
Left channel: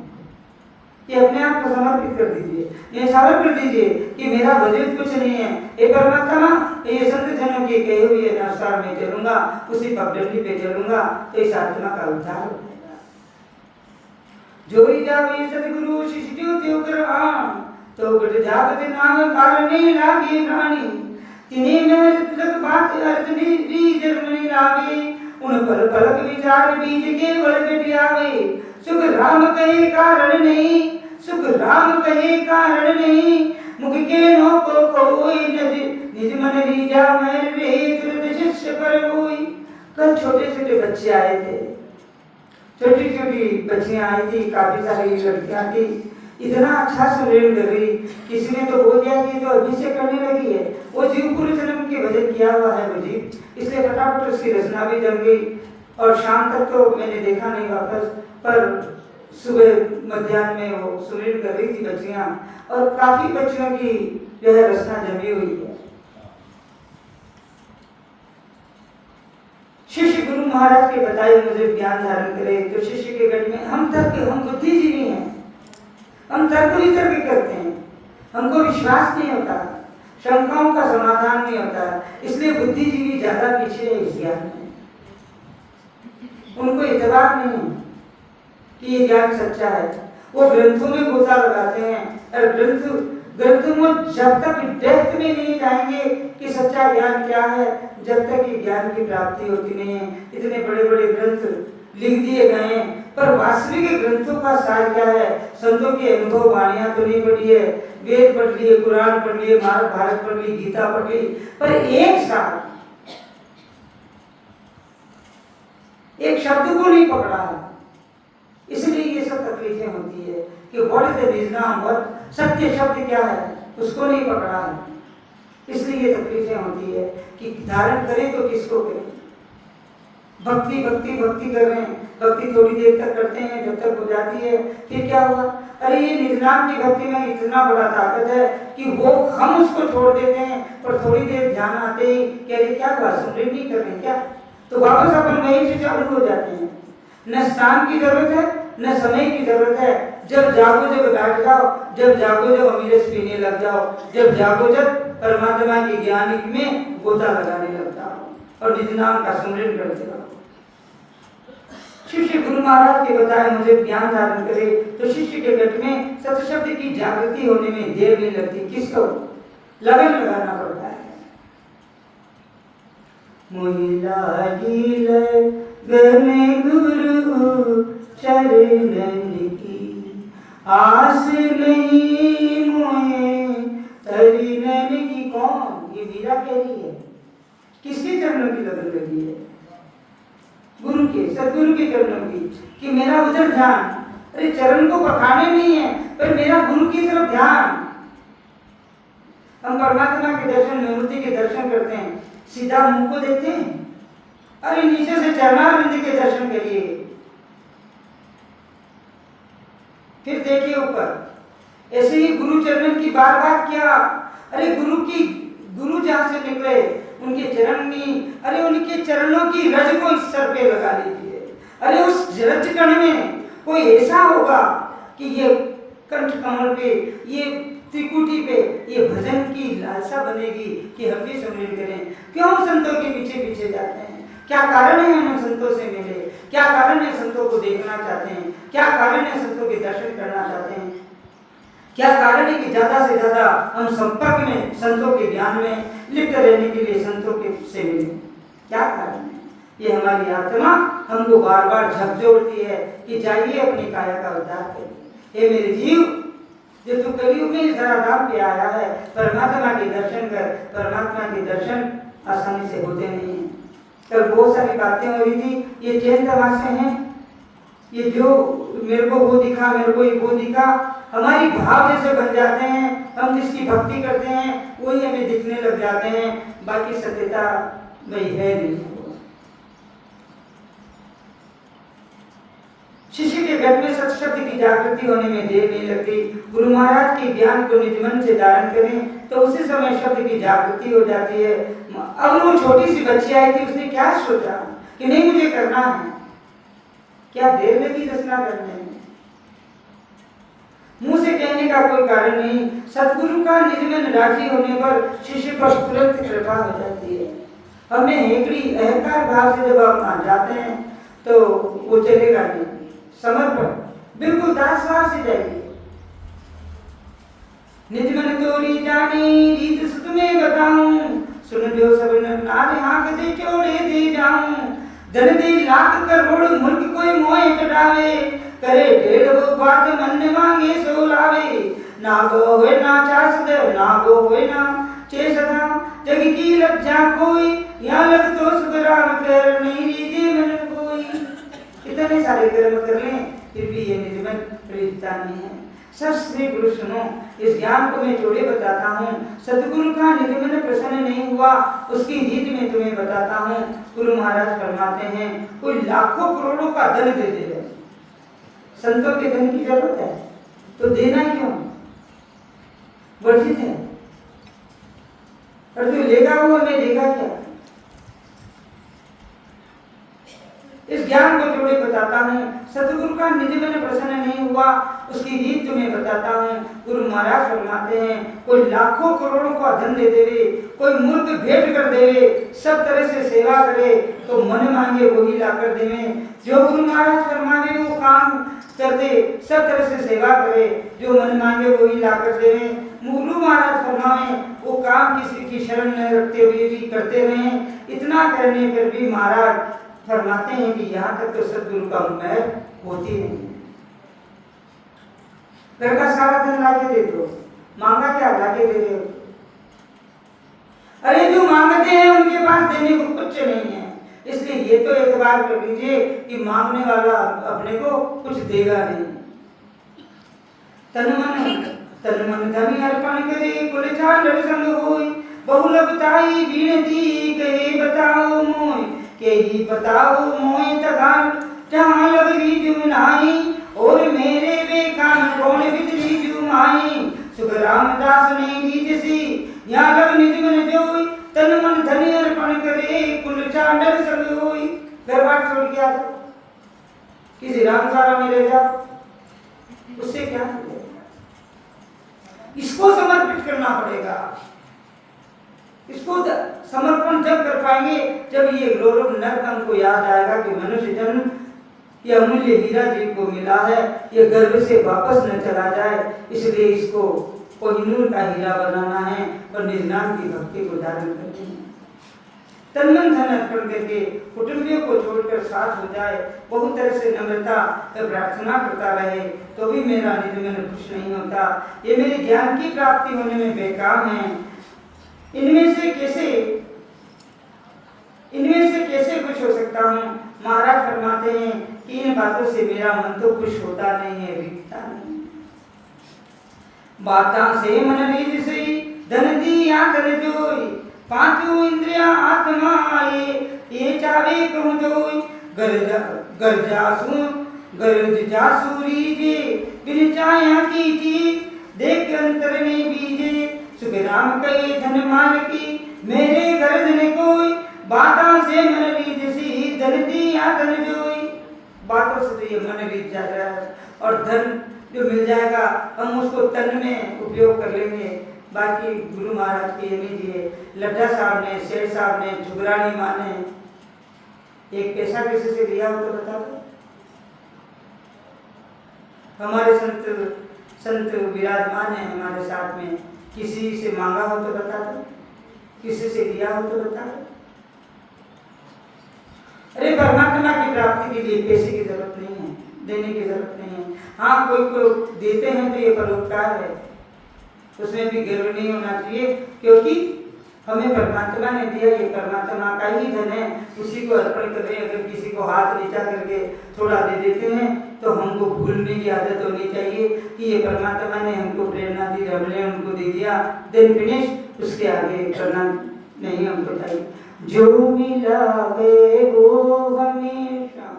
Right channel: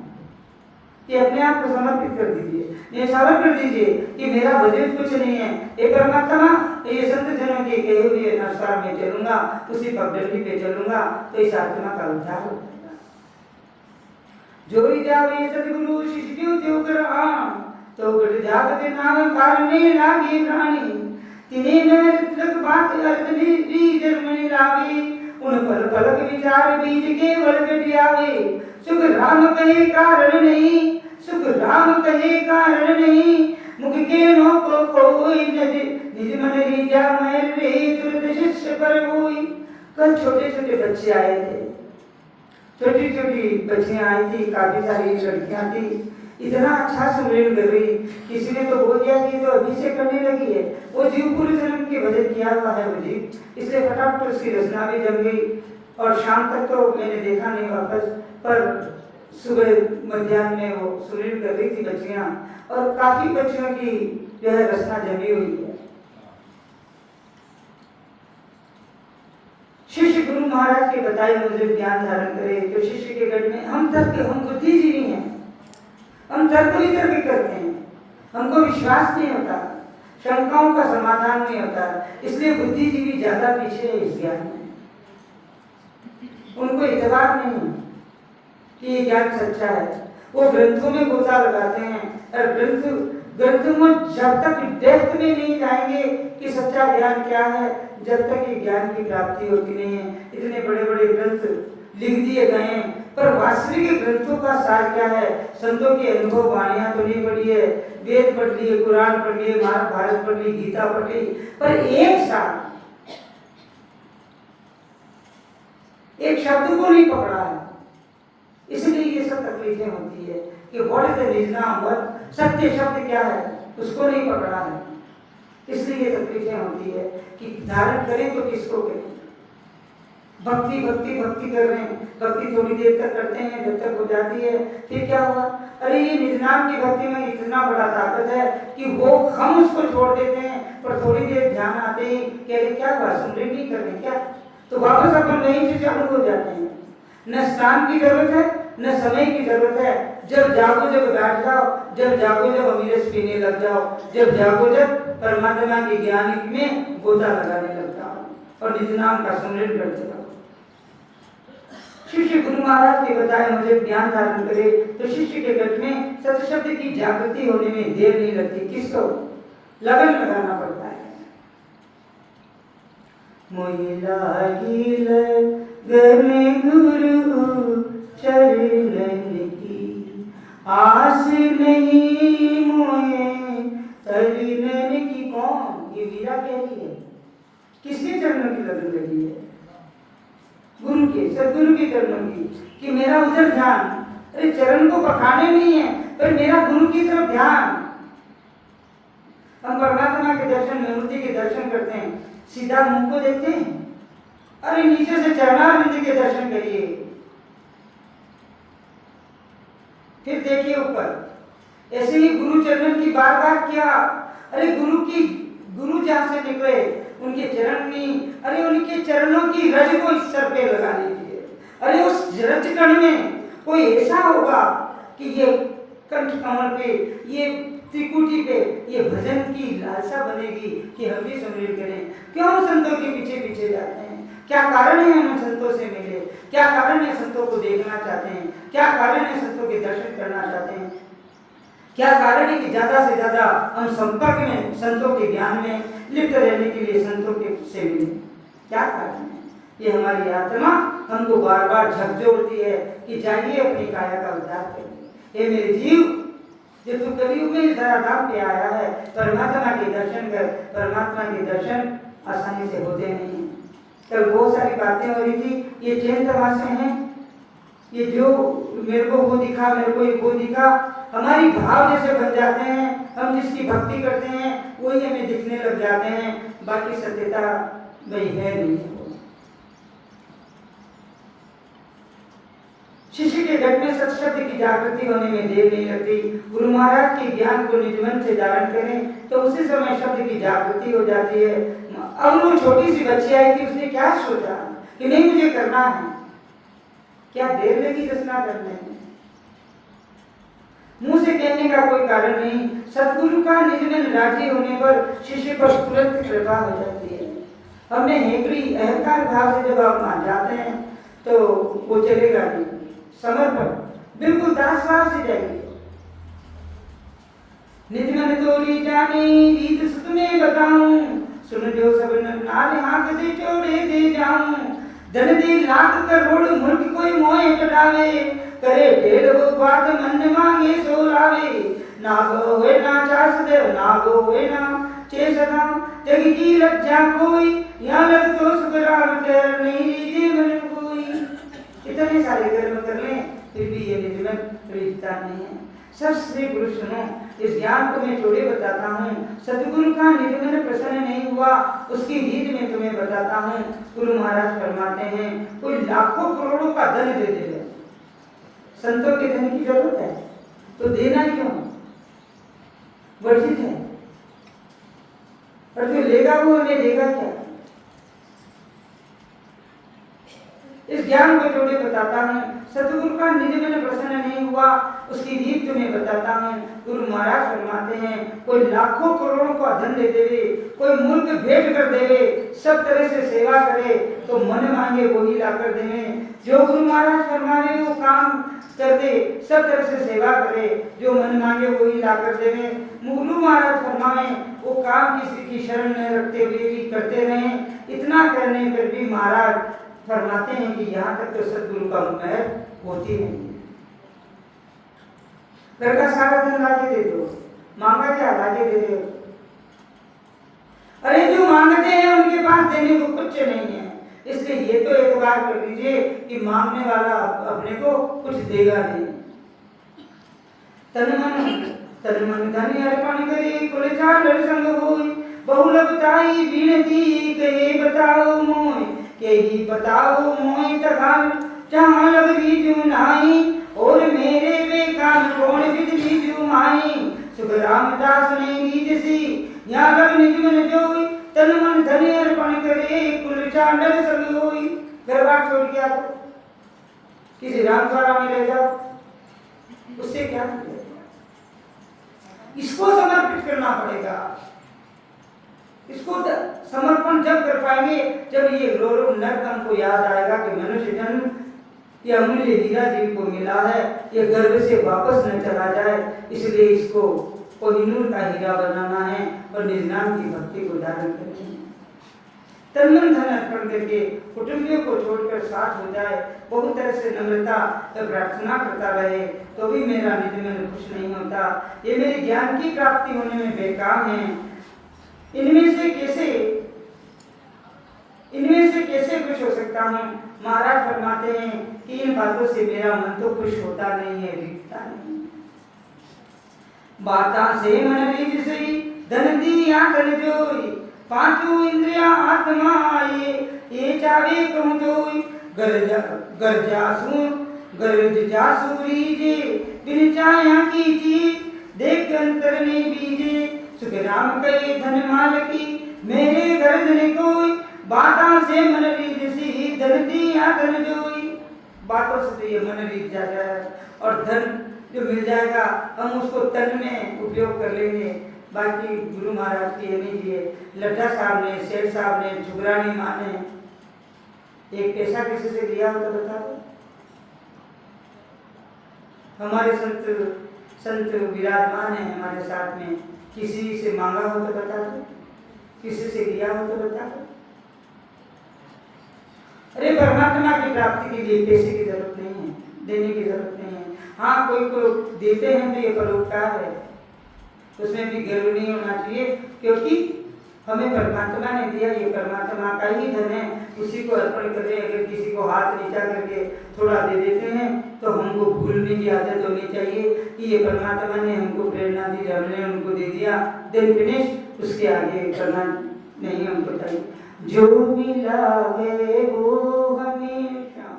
कि अपने आप को समर्पित कर दीजिए, न्यौछावर कर दीजिए कि मेरा वजूद कुछ नहीं है। हे परमात्मा, ये संत जनों के कहे हुए अनुसार मैं चलूंगा, उसी पगडंडी पे चलूंगा तो इस आत्मा का उद्धार हो जाएगा। जोई जावे सदगुरु शिष्य त्यो कर आम, तो गढ़ जागत नाम कारणे लागे प्राणी। तिने में तक बात अर्चनी री जन्मनी लागे, उन पर पलक विचार बीज के बल आवे। सुख राम कहे कारण नहीं, सुख राम कहे कारण नहीं, मुख के नो को कोई निज मन रीजा मैं रे तुरंत शिष्य पर होई। कल छोटे छोटे बच्चे आए थे, छोटी छोटी बच्चियां आई थी, काफी सारी लड़कियां थी, इतना अच्छा सुमेल कर रही। किसी ने तो बोल दिया कि तो अभी से करने लगी है, वो जीव पूर्व जन्म के भजन किया हुआ है वो जीव, इसलिए फटाफट उसकी रचना भी जम गई। और शाम तक तो मैंने देखा नहीं वापस, पर सुबह मध्याह्न में वो सुमेल कर रही थी बच्चियां, और काफी बच्चियों की जो है रचना जमी हुई है। शिष्य गुरु महाराज के बताए मुझे ज्ञान धारण करे, तो शिष्य के गढ़ में हम बुद्धिजीवी हैं, हम तर्क वितर्क करते हैं, हमको विश्वास नहीं होता, शंकाओं का समाधान नहीं होता, इसलिए बुद्धिजीवी ज्यादा पीछे है इस ज्ञान में। उनको इतबार नहीं कि ये ज्ञान सच्चा है, वो ग्रंथों में गोता लगाते हैं, और ग्रंथों में जब तक डेप्थ में नहीं जाएंगे कि सच्चा ज्ञान क्या है, जब तक कि ज्ञान की प्राप्ति होती नहीं है। इतने बड़े बड़े ग्रंथ लिख दिए गए हैं, पर वास्तविक ग्रंथों का सार क्या है? संतों की अनुभव वाणियां तो नहीं पढ़ी है, वेद पढ़ लिए, कुरान पढ़ लिए, महाभारत पढ़ ली, गीता पढ़ ली, पर एक सार एक शब्द को नहीं पकड़ा है। इसलिए ये सब तकलीफें होती है कि व्हाट इज द निजनाम, सत्य शब्द क्या है उसको नहीं पकड़ा है, इसलिए ये तकलीफें होती है कि धारण करें तो किसको करें। भक्ति भक्ति भक्ति कर रहे हैं, भक्ति थोड़ी देर तक करते हैं, जब तक हो जाती है फिर क्या हुआ? अरे ये निजनाम की भक्ति में इतना बड़ा ताकत है कि वो हम उसको छोड़ देते हैं, पर थोड़ी देर ध्यान आते ही कह रहे क्या हुआ, सुमरण नहीं कर रहे क्या, तो वापस अपन वहीं से चालू हो जाते हैं। न स्थान की जरूरत है, न समय की जरूरत है, जब जागो जब बैठ जाओ, जब जागो जब अमृत पीने लग जाओ, जब जागो जब परमात्मा के ज्ञान में गोता लगाने लग जाओ और निजनाम का सुमरण करते रहो। शिष्य गुरु महाराज के बताए मुझे ज्ञान धारण करे, तो शिष्य के गट में सत्शब्द की जागृति होने में देर नहीं लगती, किसको लगन लगाना पड़ता है। मोहिला गिल गने गुरु चरणन की आस नहीं मोहे तरिनन की। कौन? ये मीरा कह रही है, किसके चरणों की लगन लगी है? गुरु के, सदगुरु के चरणों की, कि मेरा उधर ध्यान, अरे चरण को पखाने नहीं है पर मेरा गुरु की तरफ ध्यान। हम परमात्मा के दर्शन, मूर्ति के दर्शन करते हैं, सीधा मुंह को देखते हैं, अरे नीचे से चरणारविंद के दर्शन करिए, फिर देखिए ऊपर। ऐसे ही गुरु चरण की बार बार क्या, अरे गुरु जहां से निकले उनके चरण में, अरे उनके चरणों की रज को इस सर पे लगा लीजिए। अरे उस रज कण में कोई ऐसा होगा कि ये कंठ कमल पे, ये त्रिकुटी पे ये भजन की लालसा बनेगी कि हम भी सम्मिलित करें। क्यों संतों के पीछे पीछे जाते हैं? क्या कारण है हम संतों से मिले? क्या कारण है संतों को देखना चाहते हैं? क्या कारण है संतों के दर्शन करना चाहते हैं? क्या कारण है कि ज्यादा से ज्यादा हम संपर्क में, संतों के ज्ञान में लिप्त रहने के लिए संतों के से मिले? क्या कारण है? ये हमारी आत्मा हमको बार बार झकझोरती है कि जाइए अपनी काया का उद्धार करिए। हे मेरे जीव, जो तू कलयुग में धराधाम पे आया है, परमात्मा के दर्शन कर। परमात्मा के दर्शन आसानी से होते नहीं है। कल बहुत सारी बातें हो रही थी, ये चैन तमाशे हैं, ये जो मेरे को वो दिखा, मेरे को ये वो दिखा, हमारी भाव जैसे बन जाते हैं। हम जिसकी भक्ति करते हैं वही हमें दिखने लग जाते हैं, बाकी सत्यता वही है नहीं। शिष्य के घट में सत्शब्द की जागृति होने में देर नहीं लगती। गुरु महाराज के ज्ञान को निज मन से धारण करें तो उसी समय शब्द की जागृति हो जाती है। अब वो छोटी सी बच्ची आई थी, उसने क्या सोचा कि नहीं मुझे करना है, क्या देर लगी रचना करने में। मुंह से कहने का कोई कारण नहीं, सतगुरु का निज में राजी होने पर शिष्य पर तुरंत कृपा हो जाती है। हमें हेकड़ी अहंकार भाव से जब आप मान जाते हैं तो वो चलेगा नहीं। समर्पण बिल्कुल दास भाव से जाइए। निज मन तोरी जाने रीत सुत में बताऊं, सुन जो सब नारे आंख से चोड़े दे जाऊं। धन दे लाख करोड़ मुल्क कोई मोह चढ़ावे, करे ढेर वो बात मन मांगे सो लावे। ना वो होए ना चासद, ना वो होए ना चेसदा, जग की लज्जा कोई, यहाँ लग तो सुखराम कर नहीं रीति मन कोई। इतने सारे कर्म कर लें फिर भी ये निज मन प्रीतता नहीं है। सब श्री गुरु सुनो, इस ज्ञान को मैं थोड़े बताता हूँ। सतगुरु का निज मन प्रसन्न नहीं हुआ उसकी रीत में तुम्हें बताता हूँ। गुरु महाराज फरमाते हैं कोई लाखों करोड़ों का धन दे दे, संतों के धन की जरूरत है तो देना क्यों, वर्जित है। और जो लेगा वो हमें देगा क्या। इस ज्ञान को थोड़े बताता हूँ। सतगुरु का निज मन प्रसन्न नहीं हुआ उसकी रीत तुम्हें बताता हूँ। गुरु महाराज फरमाते हैं कोई लाखों करोड़ों का धन दे देवे, कोई मूर्ख भेंट कर देवे, सब तरह से सेवा करे तो मन मांगे वही ला कर देवे। जो गुरु महाराज फरमावे वो काम कर दे, सब तरह से सेवा करे, जो मन मांगे वही ला कर देवे। गुरु महाराज फरमावे वो काम किसी की शर्म न रखते हुए भी करते रहें। इतना करने पर भी महाराज फरमाते हैं कि यहाँ तक तो सतगुरु का महर होती नहीं। घर का सारा धन लाके दे दो, मांगा क्या लाके दे दो। अरे जो मांगते हैं उनके पास देने को कुछ नहीं है, इसलिए ये तो एतबार कर लीजिए कि मांगने वाला अपने को कुछ देगा नहीं। तन मन धनी अर्पण करे, कुल चाल संग होई, बहु लगताई विनती करे बताओ मोय, के ही बताओ मोय तगाल जहाँ लग रीजु नाई, और मेरे बेखान कौन विद रीजु माई। सुख रामदास ने रीज सी यहाँ लग निज मन जोई, तन मन धनी अर्पण करे, कुल चांडल संग होई। घर बार छोड़ के आ जाओ, किसी रामशाला में ले जाओ, उससे क्या मिलेगा। इसको समर्पित करना पड़ेगा। इसको समर्पण जब कर पाएंगे जब ये गौरव नर्क हमको याद आएगा कि मनुष्य जन्म यह अमूल्य हीरा जी को मिला है, ये गर्भ से वापस न चला जाए, इसलिए इसको कोहिनूर का हीरा बनाना है और निर्नाम की भक्ति को धारण करनी है। तन मन धन अर्पण करके कुटुंबियों को छोड़कर साथ हो जाए, बहुत तरह से नम्रता प्रार्थना करता रहे तो भी मेरा निज मन खुश नहीं होता। ये मेरे ज्ञान की प्राप्ति होने में बेकाम है। इनमें से कैसे खुश हो सकता हूँ। महाराज फरमाते हैं कि इन बातों से मेरा मन तो खुश होता नहीं है, रीतता नहीं। बाता से मन रीत सही, धन दिया कर जोई, पांचों इंद्रिया आत्मा आए, ये चावे कहूँ जोई। गर्ज जासू रीजे, बिन चाया की चीज, देख अंतर में बीजे। सुख राम कहे धन माल की, मेरे गर्ज ने कोई, बातों से मन रीत सी, धन दिया धन जोई। बातों से तो ये मन रीत जाता है और धन जो मिल जाएगा हम उसको तन में उपयोग कर लेंगे। बाकी गुरु महाराज की ये लड्डा साहब ने, सेठ साहब ने, जुगरानी माँ ने एक पैसा किसी से लिया हो तो बता दो। हमारे संत विराजमान है हमारे साथ में, किसी से मांगा हो तो बता दो, किसी से लिया हो तो बता दो। अरे परमात्मा की प्राप्ति के लिए पैसे की जरूरत नहीं है, देने की जरूरत नहीं है। हाँ कोई को देते हैं तो ये परोपकार है, उसमें भी गर्व नहीं होना चाहिए, क्योंकि हमें परमात्मा ने दिया, ये परमात्मा का ही धन है, उसी को अर्पण करें। अगर किसी को हाथ नीचा करके थोड़ा दे देते हैं तो हमको भूलने की आदत होनी चाहिए कि ये परमात्मा ने हमको प्रेरणा दी, हमने उनको दे दिया, देन फिनिश, उसके आगे करना नहीं हमको चाहिए। जो मिला है वो हमेशा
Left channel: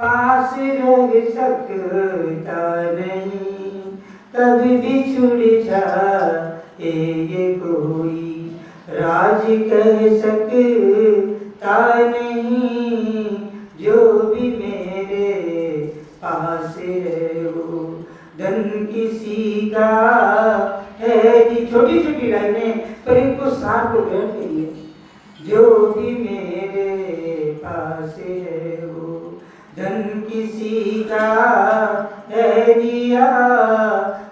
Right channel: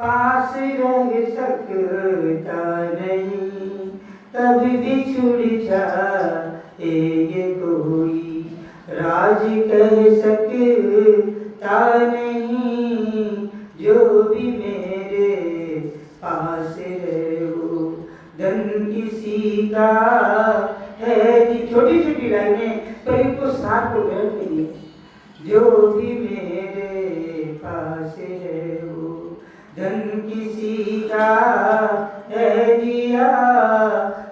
पास रह सकता नहीं, कभी बिछुड़ जाए ये कोई राज कह सकता नहीं, जो भी मेरे पास है वो धन किसी का है। कि छोटी छोटी लाइनें पर इनको साथ को ग्रहण करिए। जो भी मेरे पास है वो धन किसी का है, दिया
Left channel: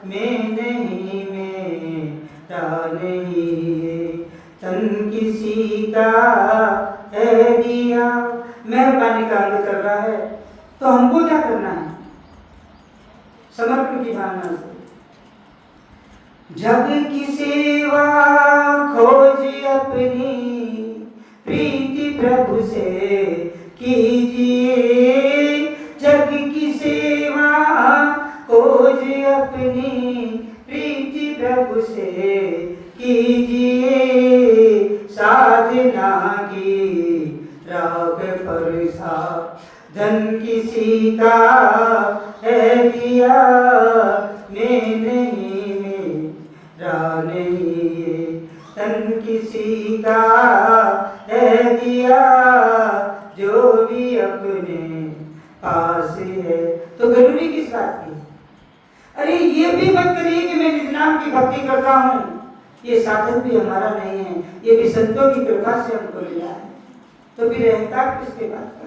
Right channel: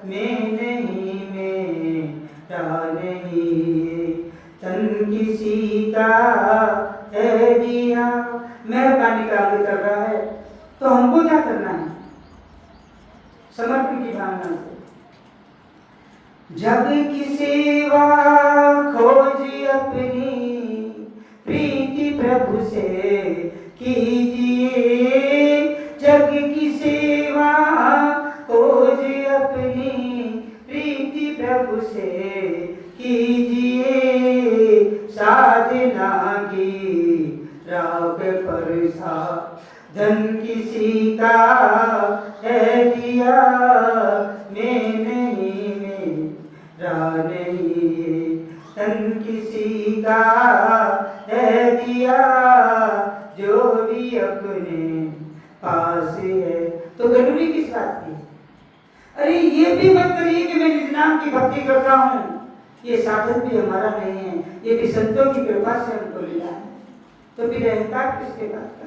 मैं नहीं, मेरा नहीं, तन किसी का है दिया। मेहरबानी का आगे कर रहा है, तो हमको क्या करना है? समर्पण की भावना से जग की सेवा खोज अपनी, प्रीति प्रभु से कीजिए। जग की सेवा खोज अपनी, प्रीति प्रभु से कीजिए। साधना की राग पर धन किसी का है, दिया मैं नहीं, मेरा नहीं, तन किसी का है, दिया जो भी अपने पास है। तो जरूरी किस बात की? अरे ये भी मत करिए कि मैं जिस नाम की भक्ति करता हूँ, ये साधन भी हमारा नहीं है, ये भी संतों की कृपा से हमको मिला है। तो फिर अहंकार किसके बात का?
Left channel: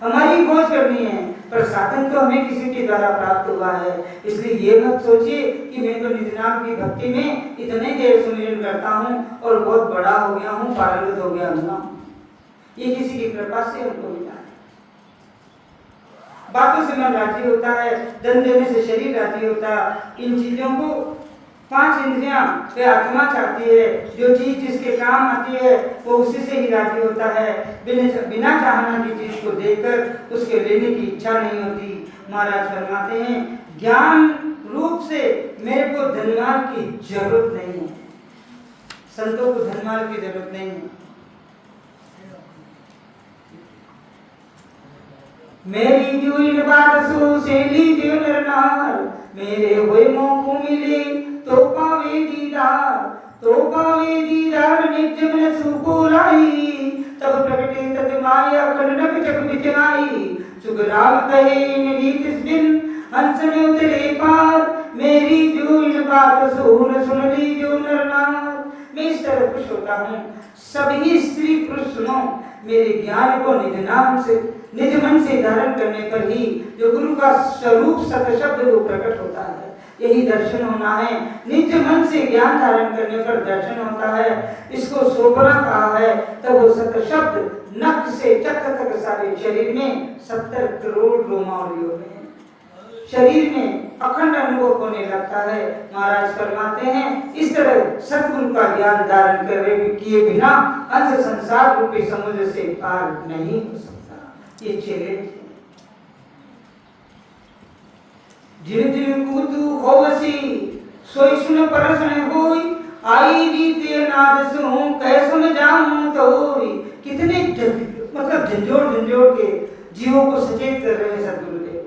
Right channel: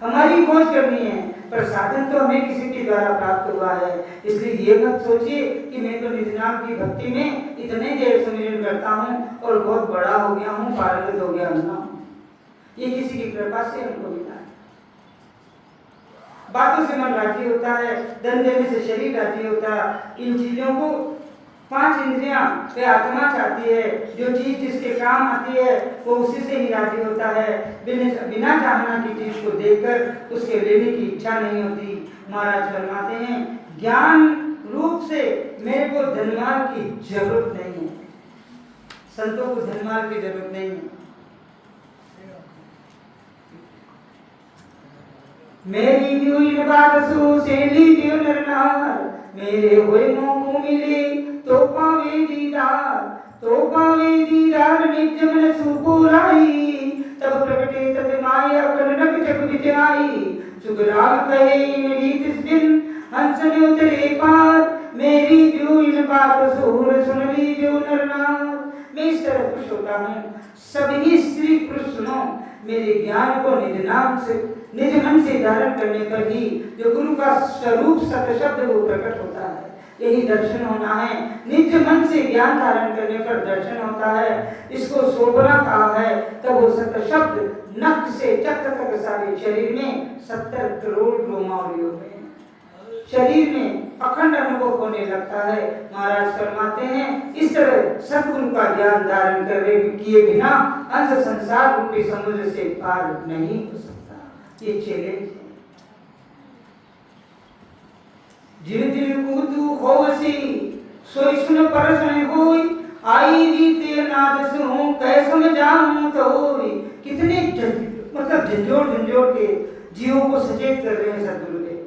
हमारी खोज करनी है, पर साधन तो हमें किसी के द्वारा प्राप्त हुआ है। इसलिए ये मत सोचिए कि मैं तो निज नाम की भक्ति में इतने देर सुमिरन करता हूँ और बहुत बड़ा हो गया हूँ, पारंगत हो गया हूँ। ये किसी की कृपा से हमको मिला है। बातों से मन राजी होता है, धन देने से शरीर राजी होता है। इन चीजों को 5 इंद्रियां पे आत्मा चाहती है। जो चीज जिसके काम आती है वो उसी से ही राजी होता है। बिना चाहना की चीज को देखकर उसके लेने की इच्छा नहीं होती। महाराज फरमाते हैं, ज्ञान रूप से मेरे को धनमाल की जरूरत नहीं है। संतों को धनमाल की जरूरत नहीं है। मेरी जुइन बारसों से ली जो नरनार, मेरे हुए मोह मिले तो पावे दीदार, तो पावे दीदार नित्य में सुपुराई। तब प्रकटे तद माया कनक जग बिचाई। सुख राम कहे मेरी तिस दिन हंस ने उतरे पार, मेरी जुइन बारसों सुन ली जो नरनार। मैं इस तरह खुश होता हूँ, सभी स्त्री पुरुष सुनो, मेरे ज्ञान को निज नाम से निज मन से धारण करने पर ही जो गुरु का स्वरूप सत शब्द वो प्रकट होता है। यही दर्शन होना है। निज मन से ज्ञान धारण करने पर दर्शन होता है। इसको सोपना कहा है। तब वो सत शब्द नख से चक्र तक सारे शरीर में 70 करोड़ रोमावली हो गए। शरीर में अखंड अनुभव होने लगता है। महाराज फरमाते हैं, इस तरह सद्गुरु का ज्ञान धारण किए बिना अंश संसार रूपी समुद्र से पार नहीं हो सकता। ये चेले जिन जिन कूतु खोवसी सोई सुन परस न होई, आई रीति नाद सुन कह सुन जाऊं तो होई। कितने मतलब झंझोड़ के जीवों को सचेत कर रहे हैं सद्गुरु देव।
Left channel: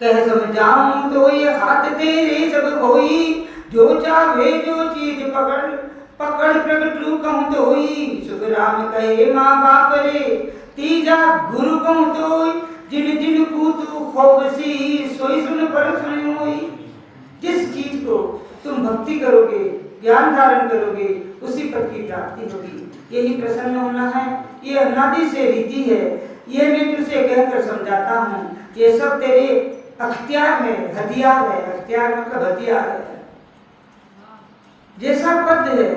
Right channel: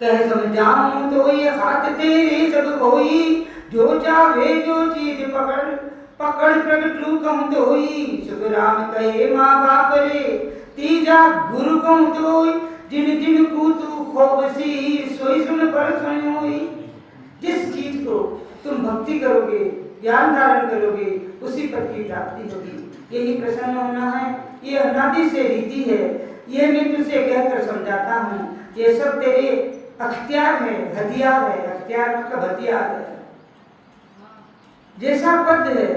कह समझाऊं तो ये हाथ तेरे सब होई, जो चाहे जो चीज पकड़ प्रगट रूप कहूं तो होई। सुख राम कहे माँ बाप रे, तीजा गुरु कहूं तो होई। जिन जिन कूतु खोवसी सोई सुन परस न होई। जिस चीज को तुम भक्ति करोगे, ज्ञान धारण करोगे, उसी पद की प्राप्ति होगी। यही प्रसन्न होना है। ये अनादि से रीति है। ये मैं तुझसे कहकर समझाता हूँ। ये सब तेरे अख्तियार है, हथियार है। अख्तियार मतलब हथियार है। जैसा पद है,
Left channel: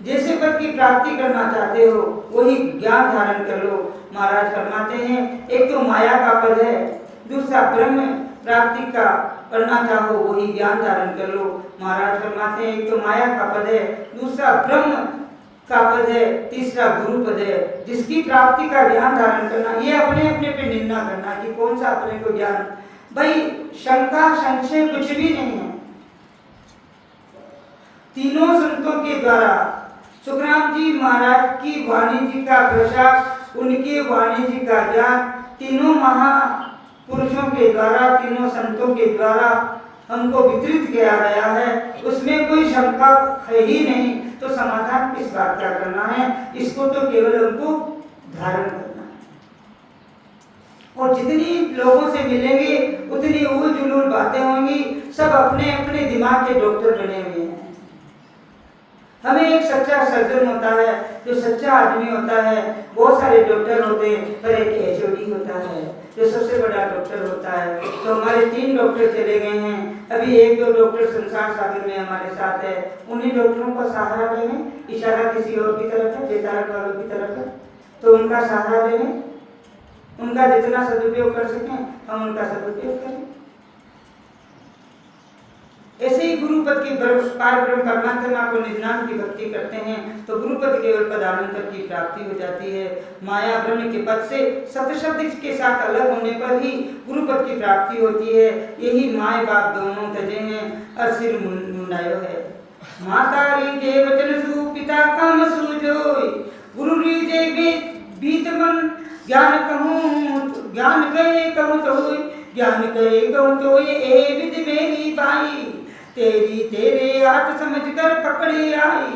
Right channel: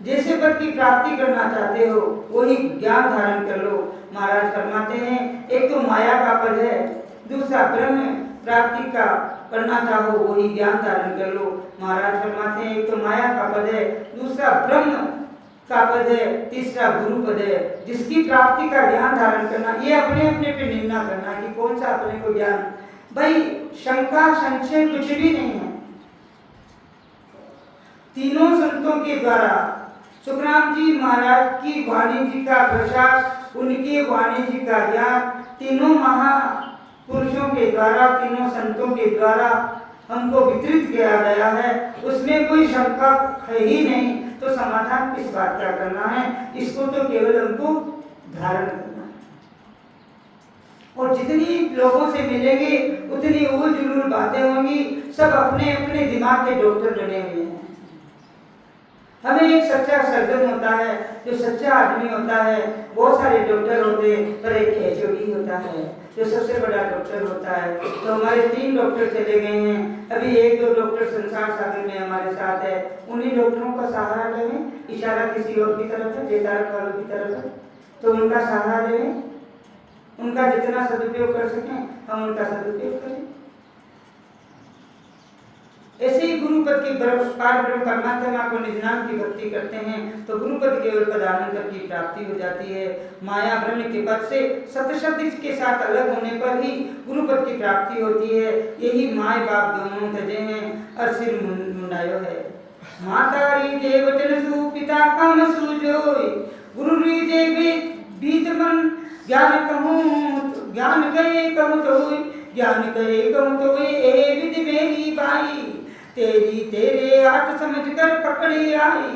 जैसे पद की प्राप्ति करना चाहते हो वही ज्ञान धारण कर लो। महाराज फरमाते हैं, एक तो माया का पद है, दूसरा ब्रह्म प्राप्ति का करना चाहो वही ज्ञान धारण कर लो। महाराज फरमाते हैं, एक तो माया का पद है, दूसरा ब्रह्म का पद है, तीसरा गुरु पद है। जिसकी प्राप्ति का ज्ञान धारण करना, ये अपने अपने पे निर्णय करना कि कौन सा अपने को ज्ञान। भाई शंका संशय कुछ भी नहीं है। तीनों संतों के द्वारा सुखराम जी महाराज की वाणी जी का प्रसाद, उनके वाणी जी का ज्ञान तीनों महापुरुषों के द्वारा, तीनों संतों के द्वारा हमको वितरित किया गया है। उसमें कोई शंका है ही नहीं तो समाधान किस बात का करना है? इसको तो केवल हमको धारण करना है। और जितनी लोगों से मिलेंगे उतनी उल जुलूल बातें होंगी, सब अपने अपने दिमाग के डॉक्टर बने हुए हैं। हमें एक सच्चा सर्जन होता है, जो सच्चा आदमी होता है। बहुत सारे डॉक्टर होते हैं, पर एक एचओडी होता है जो सबसे बड़ा डॉक्टर होता है। तो हमारे 3 डॉक्टर चले गए हैं, अभी 1-2 डॉक्टर संसार सागर में हमारे साथ है। उन्हीं डॉक्टरों का सहारा दें, इशारा किसी और की तरफ है, बेतारक वालों की तरफ है, तो उनका सहारा दें, उनका जितना सदुपयोग कर सकें हम उनका सदुपयोग करें। ऐसे ही गुरुपद की पार ब्रह्म परमात्मा को निज नाम की भक्ति करते हैं तो गुरुपद केवल पदानंतर की प्राप्ति हो जाती है। माया ब्रह्म के पद से सत्य शब्द के साथ अलग होने पर ही गुरुपद की प्राप्ति होती है। यही माय बाप दोनों तजे हैं और सिर मुंडायो है। माता री जे वचन सु पिता काम सु जोई, गुरु री जे बीत मन ज्ञान कहूँ, ज्ञान कहे कहूँ तो ज्ञान कहे कहूँ तो ए विधि मेरी बाई, तेरी तेरे हाथ समझ कर पकड़ी आई।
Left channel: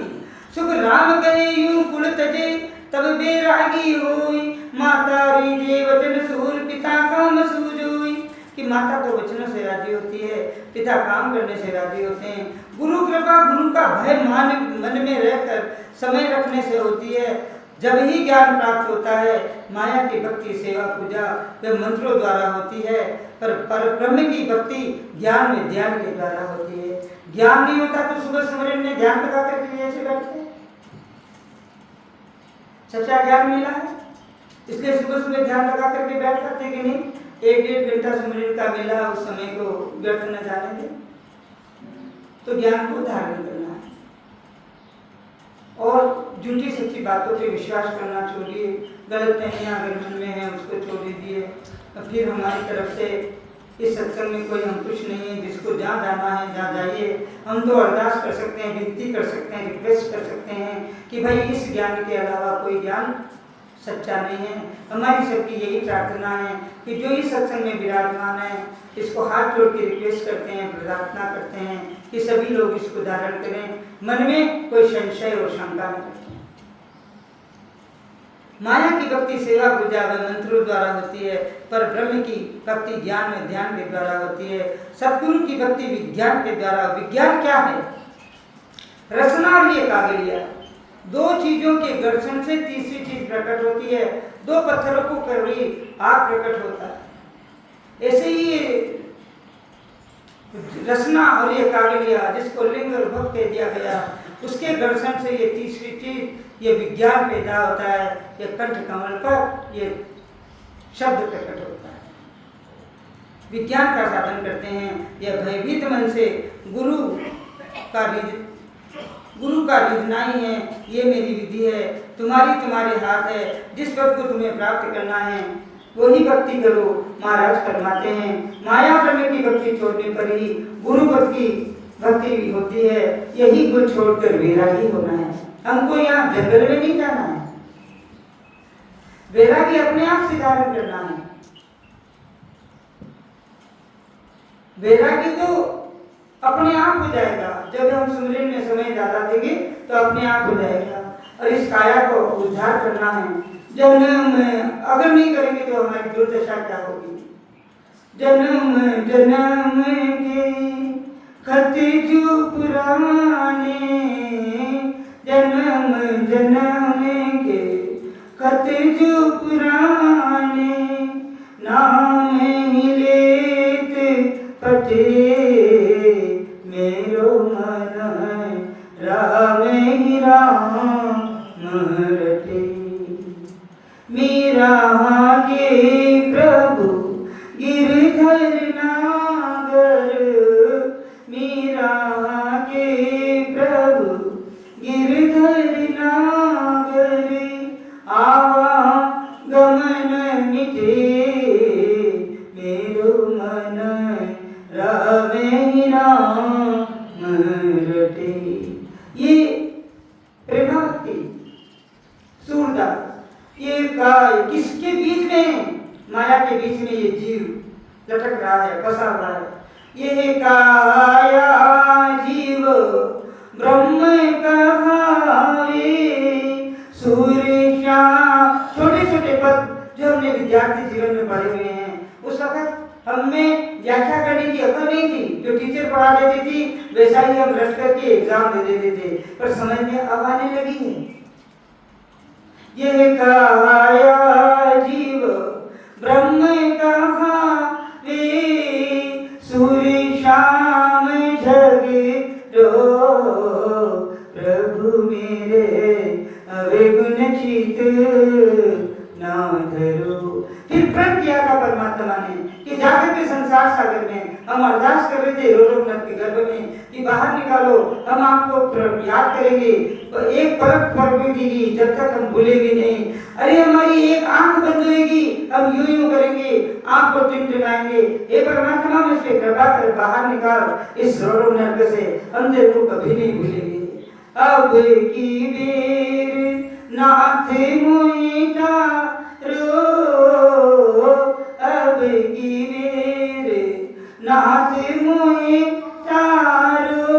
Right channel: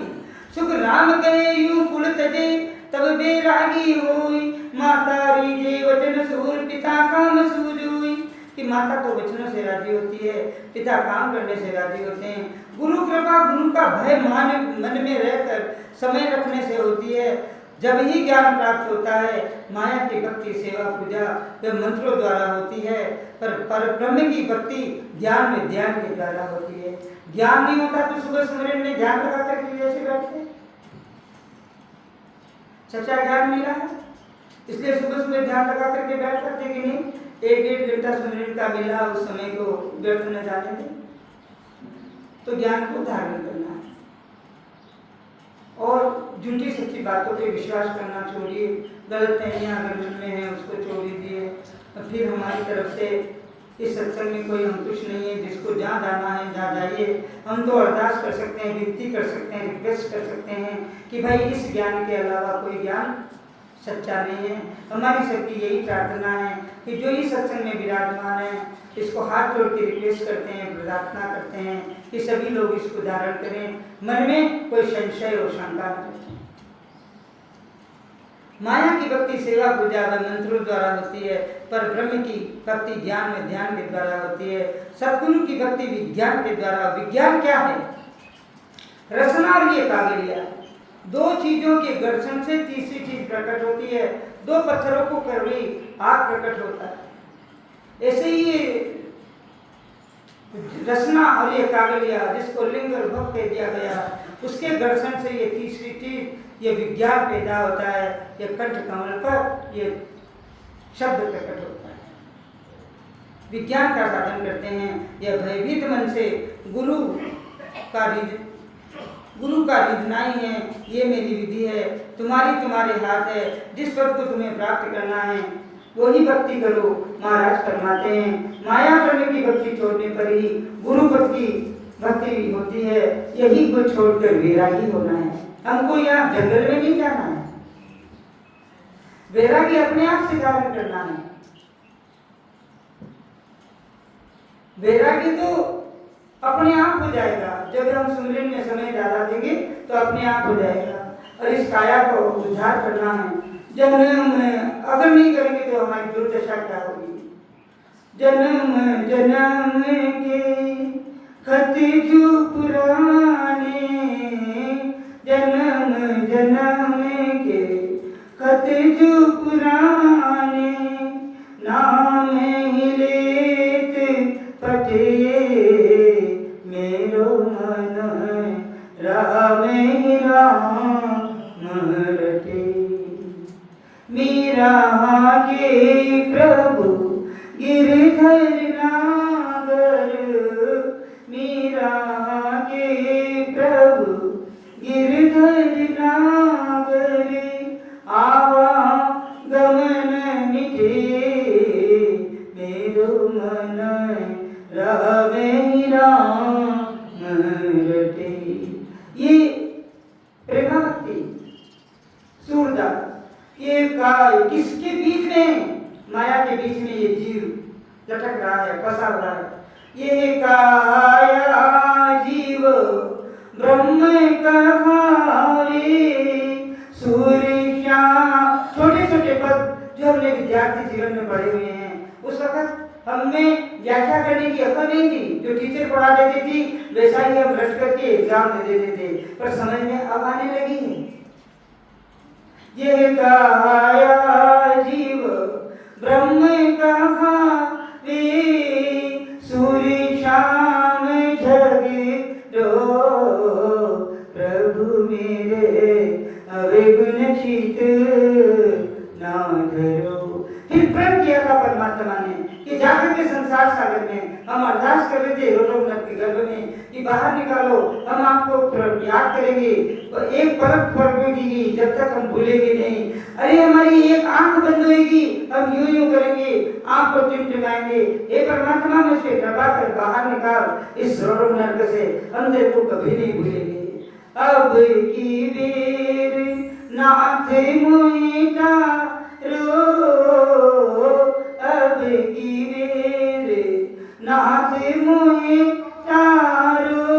सुख राम गए यूं कुल तजे तब बेरागी होई, माता री जे वचन सूर पिता काम सूझोई। कि माता तो वचनों से राजी होती है, पिता काम करने से राजी होते हैं। गुरु कृपा गुरु का भय मन में रहकर समय रखने से होती है। जब ही ज्ञान प्राप्त होता है, माया की भक्ति सेवा पूजा वे मंत्रों द्वारा होती है, पर ब्रह्म की भक्ति ज्ञान में ध्यान के द्वारा होती है। ज्ञान नहीं होता तो सुबह सुमरन में ध्यान लगा करके जैसे बैठते, सच्चा ज्ञान मिला है इसलिए सुबह सुबह ध्यान लगा करके बैठ सकते कि नहीं। 1-1.5 घंटा सुमरन का मिला, उस समय को व्यर्थ न जाने दें। तो ज्ञान को धारण करना है और झूठी सच्ची बातों पे विश्वास करना छोड़िए। गलत फहमियाँ अगर मन में है उसको छोड़ दीजिए। और फिर हमारी तरफ से इस सत्संग में कोई अंकुश नहीं है, जिसको जहाँ जाना है जहाँ जाइए। हम तो अरदास कर सकते हैं, विनती कर सकते हैं, रिक्वेस्ट कर सकते हैं कि भाई इस ज्ञान के अलावा कोई ज्ञान सच्चा नहीं है। हमारी सबकी यही प्रार्थना है कि जो इस सत्संग में विराजमान है इसको हाथ जोड़ के रिक्वेस्ट करते हैं, प्रार्थना करते हैं कि सभी लोग इसको धारण करें, मन में कोई संशय और शंका न रखें। माया की भक्ति सेवा पूजा व मंत्रों द्वारा होती है, पर ब्रह्म की भक्ति ज्ञान में ध्यान के द्वारा होती है। सतगुरु की भक्ति विज्ञान के द्वारा। विज्ञान क्या है? रसना और ये कागलिया, 2 चीजों के घर्षण से तीसरी चीज प्रकट होती है। 2 पत्थरों को कड़ी आग प्रकट होता है। ऐसे ही रसना और ये कागलिया, जिसको लिंग और भक्त कह दिया गया, उसके घर्षण से ये तीसरी चीज ये विज्ञान पैदा होता है। ये कंठ कमल पर ये शब्द प्रकट होता है। विज्ञान का साधन करते हैं। यह भयभीत मन से गुरु का रिझना ही है। ये मेरी विधि है, तुम्हारे हाथ है। जिस पद को तुम्हें प्राप्त करना है वही भक्ति करो, महाराज फरमाते हैं। माया ब्रह्म की भक्ति छोड़ने पर ही गुरु पद की भक्ति भी होती है। यही गुण छोड़कर वैरागी होना है। हमको यहाँ जंगल में नहीं जाना है, वैरागी अपने आप से धारण करना है। वैरागी तो अपने आप हो जाएगा। जब हम सुमरन में समय ज्यादा देंगे तो अपने आप हो जाएगा। और इस काया को उद्धार करना है। जन्म अगर नहीं करेंगे तो हमारी दुर्दशा क्या होगी? जन्म जन्म के खत जो पुराने, जन्म जन्म के खत जो पुराने, नाम ही लेत पटे मेरो मन, राम ही राम रटे। मीरा के प्रभु गिरधर नागर, मीरा के प्रभु गिरधर नागर, आवा गमन मिटे मेरो मन, राम ही राम रटे। ये प्रेमा भक्ति सूरदास, ये किसके बीच में? माया के बीच में ये जीव लटक रहा है, फंसा हुआ है। ये काया जीव ब्रह्म का सूर्य श्याम, छोटे छोटे पद जो हमने विद्यार्थी जीवन में पढ़े हुए हैं। उस वक्त हमें व्याख्या करने की अकल नहीं थी, जो टीचर पढ़ा देती थी वैसा ही हम रट करके एग्जाम दे देते थे, पर समझ में अब आने लगी है। ये काया जीव ब्रह्म कहावे, सूर्य शाम जगरो, प्रभु मेरे अवगुण चित ना धरो। फिर प्रण किया था परमात्मा ने कि जाकर के संसार सागर में हम अरदास कर रहे थे रोनक के गर्भ में कि बाहर निकालो, हम आपको याद करेंगे, एक परत पड़ेगी जब तक हम भूलेंगे नहीं। अरे हमारी एक आंख बंद होगी, हम यूं यूं करेंगे, आंख को टिमटिमाएंगे, हे परमात्मा मुझे कृपा कर बाहर निकाल इस रोनक से, हम तेरे को कभी नहीं भूलेंगे। अब की बेर नाथ मुईटा रो, अब की बेर नाथ मुईटा रो,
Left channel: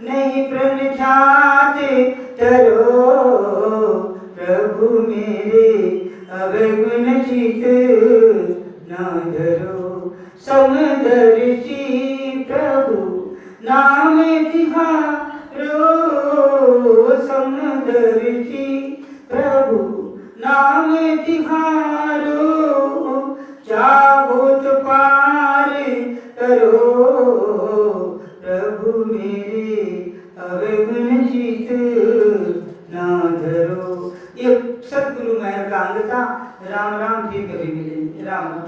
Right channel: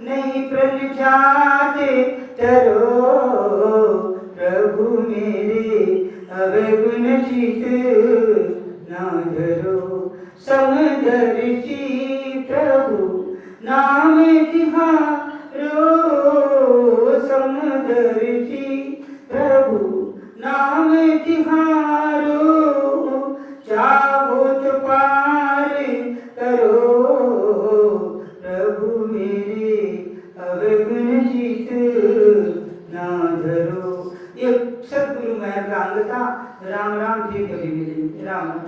नहीं प्रण जाते तरो, प्रभु मेरे अवगुण चित ना धरो। समदर्शी प्रभु नाम तिहारो, समदर्शी प्रभु नाम तिहारो, चाहो तो पार करो, प्रभु मेरे अवगुण चित ना धरो। ये सदगुरु महल का अंग था। राम राम जी कभी मिलेंगे। राम राम।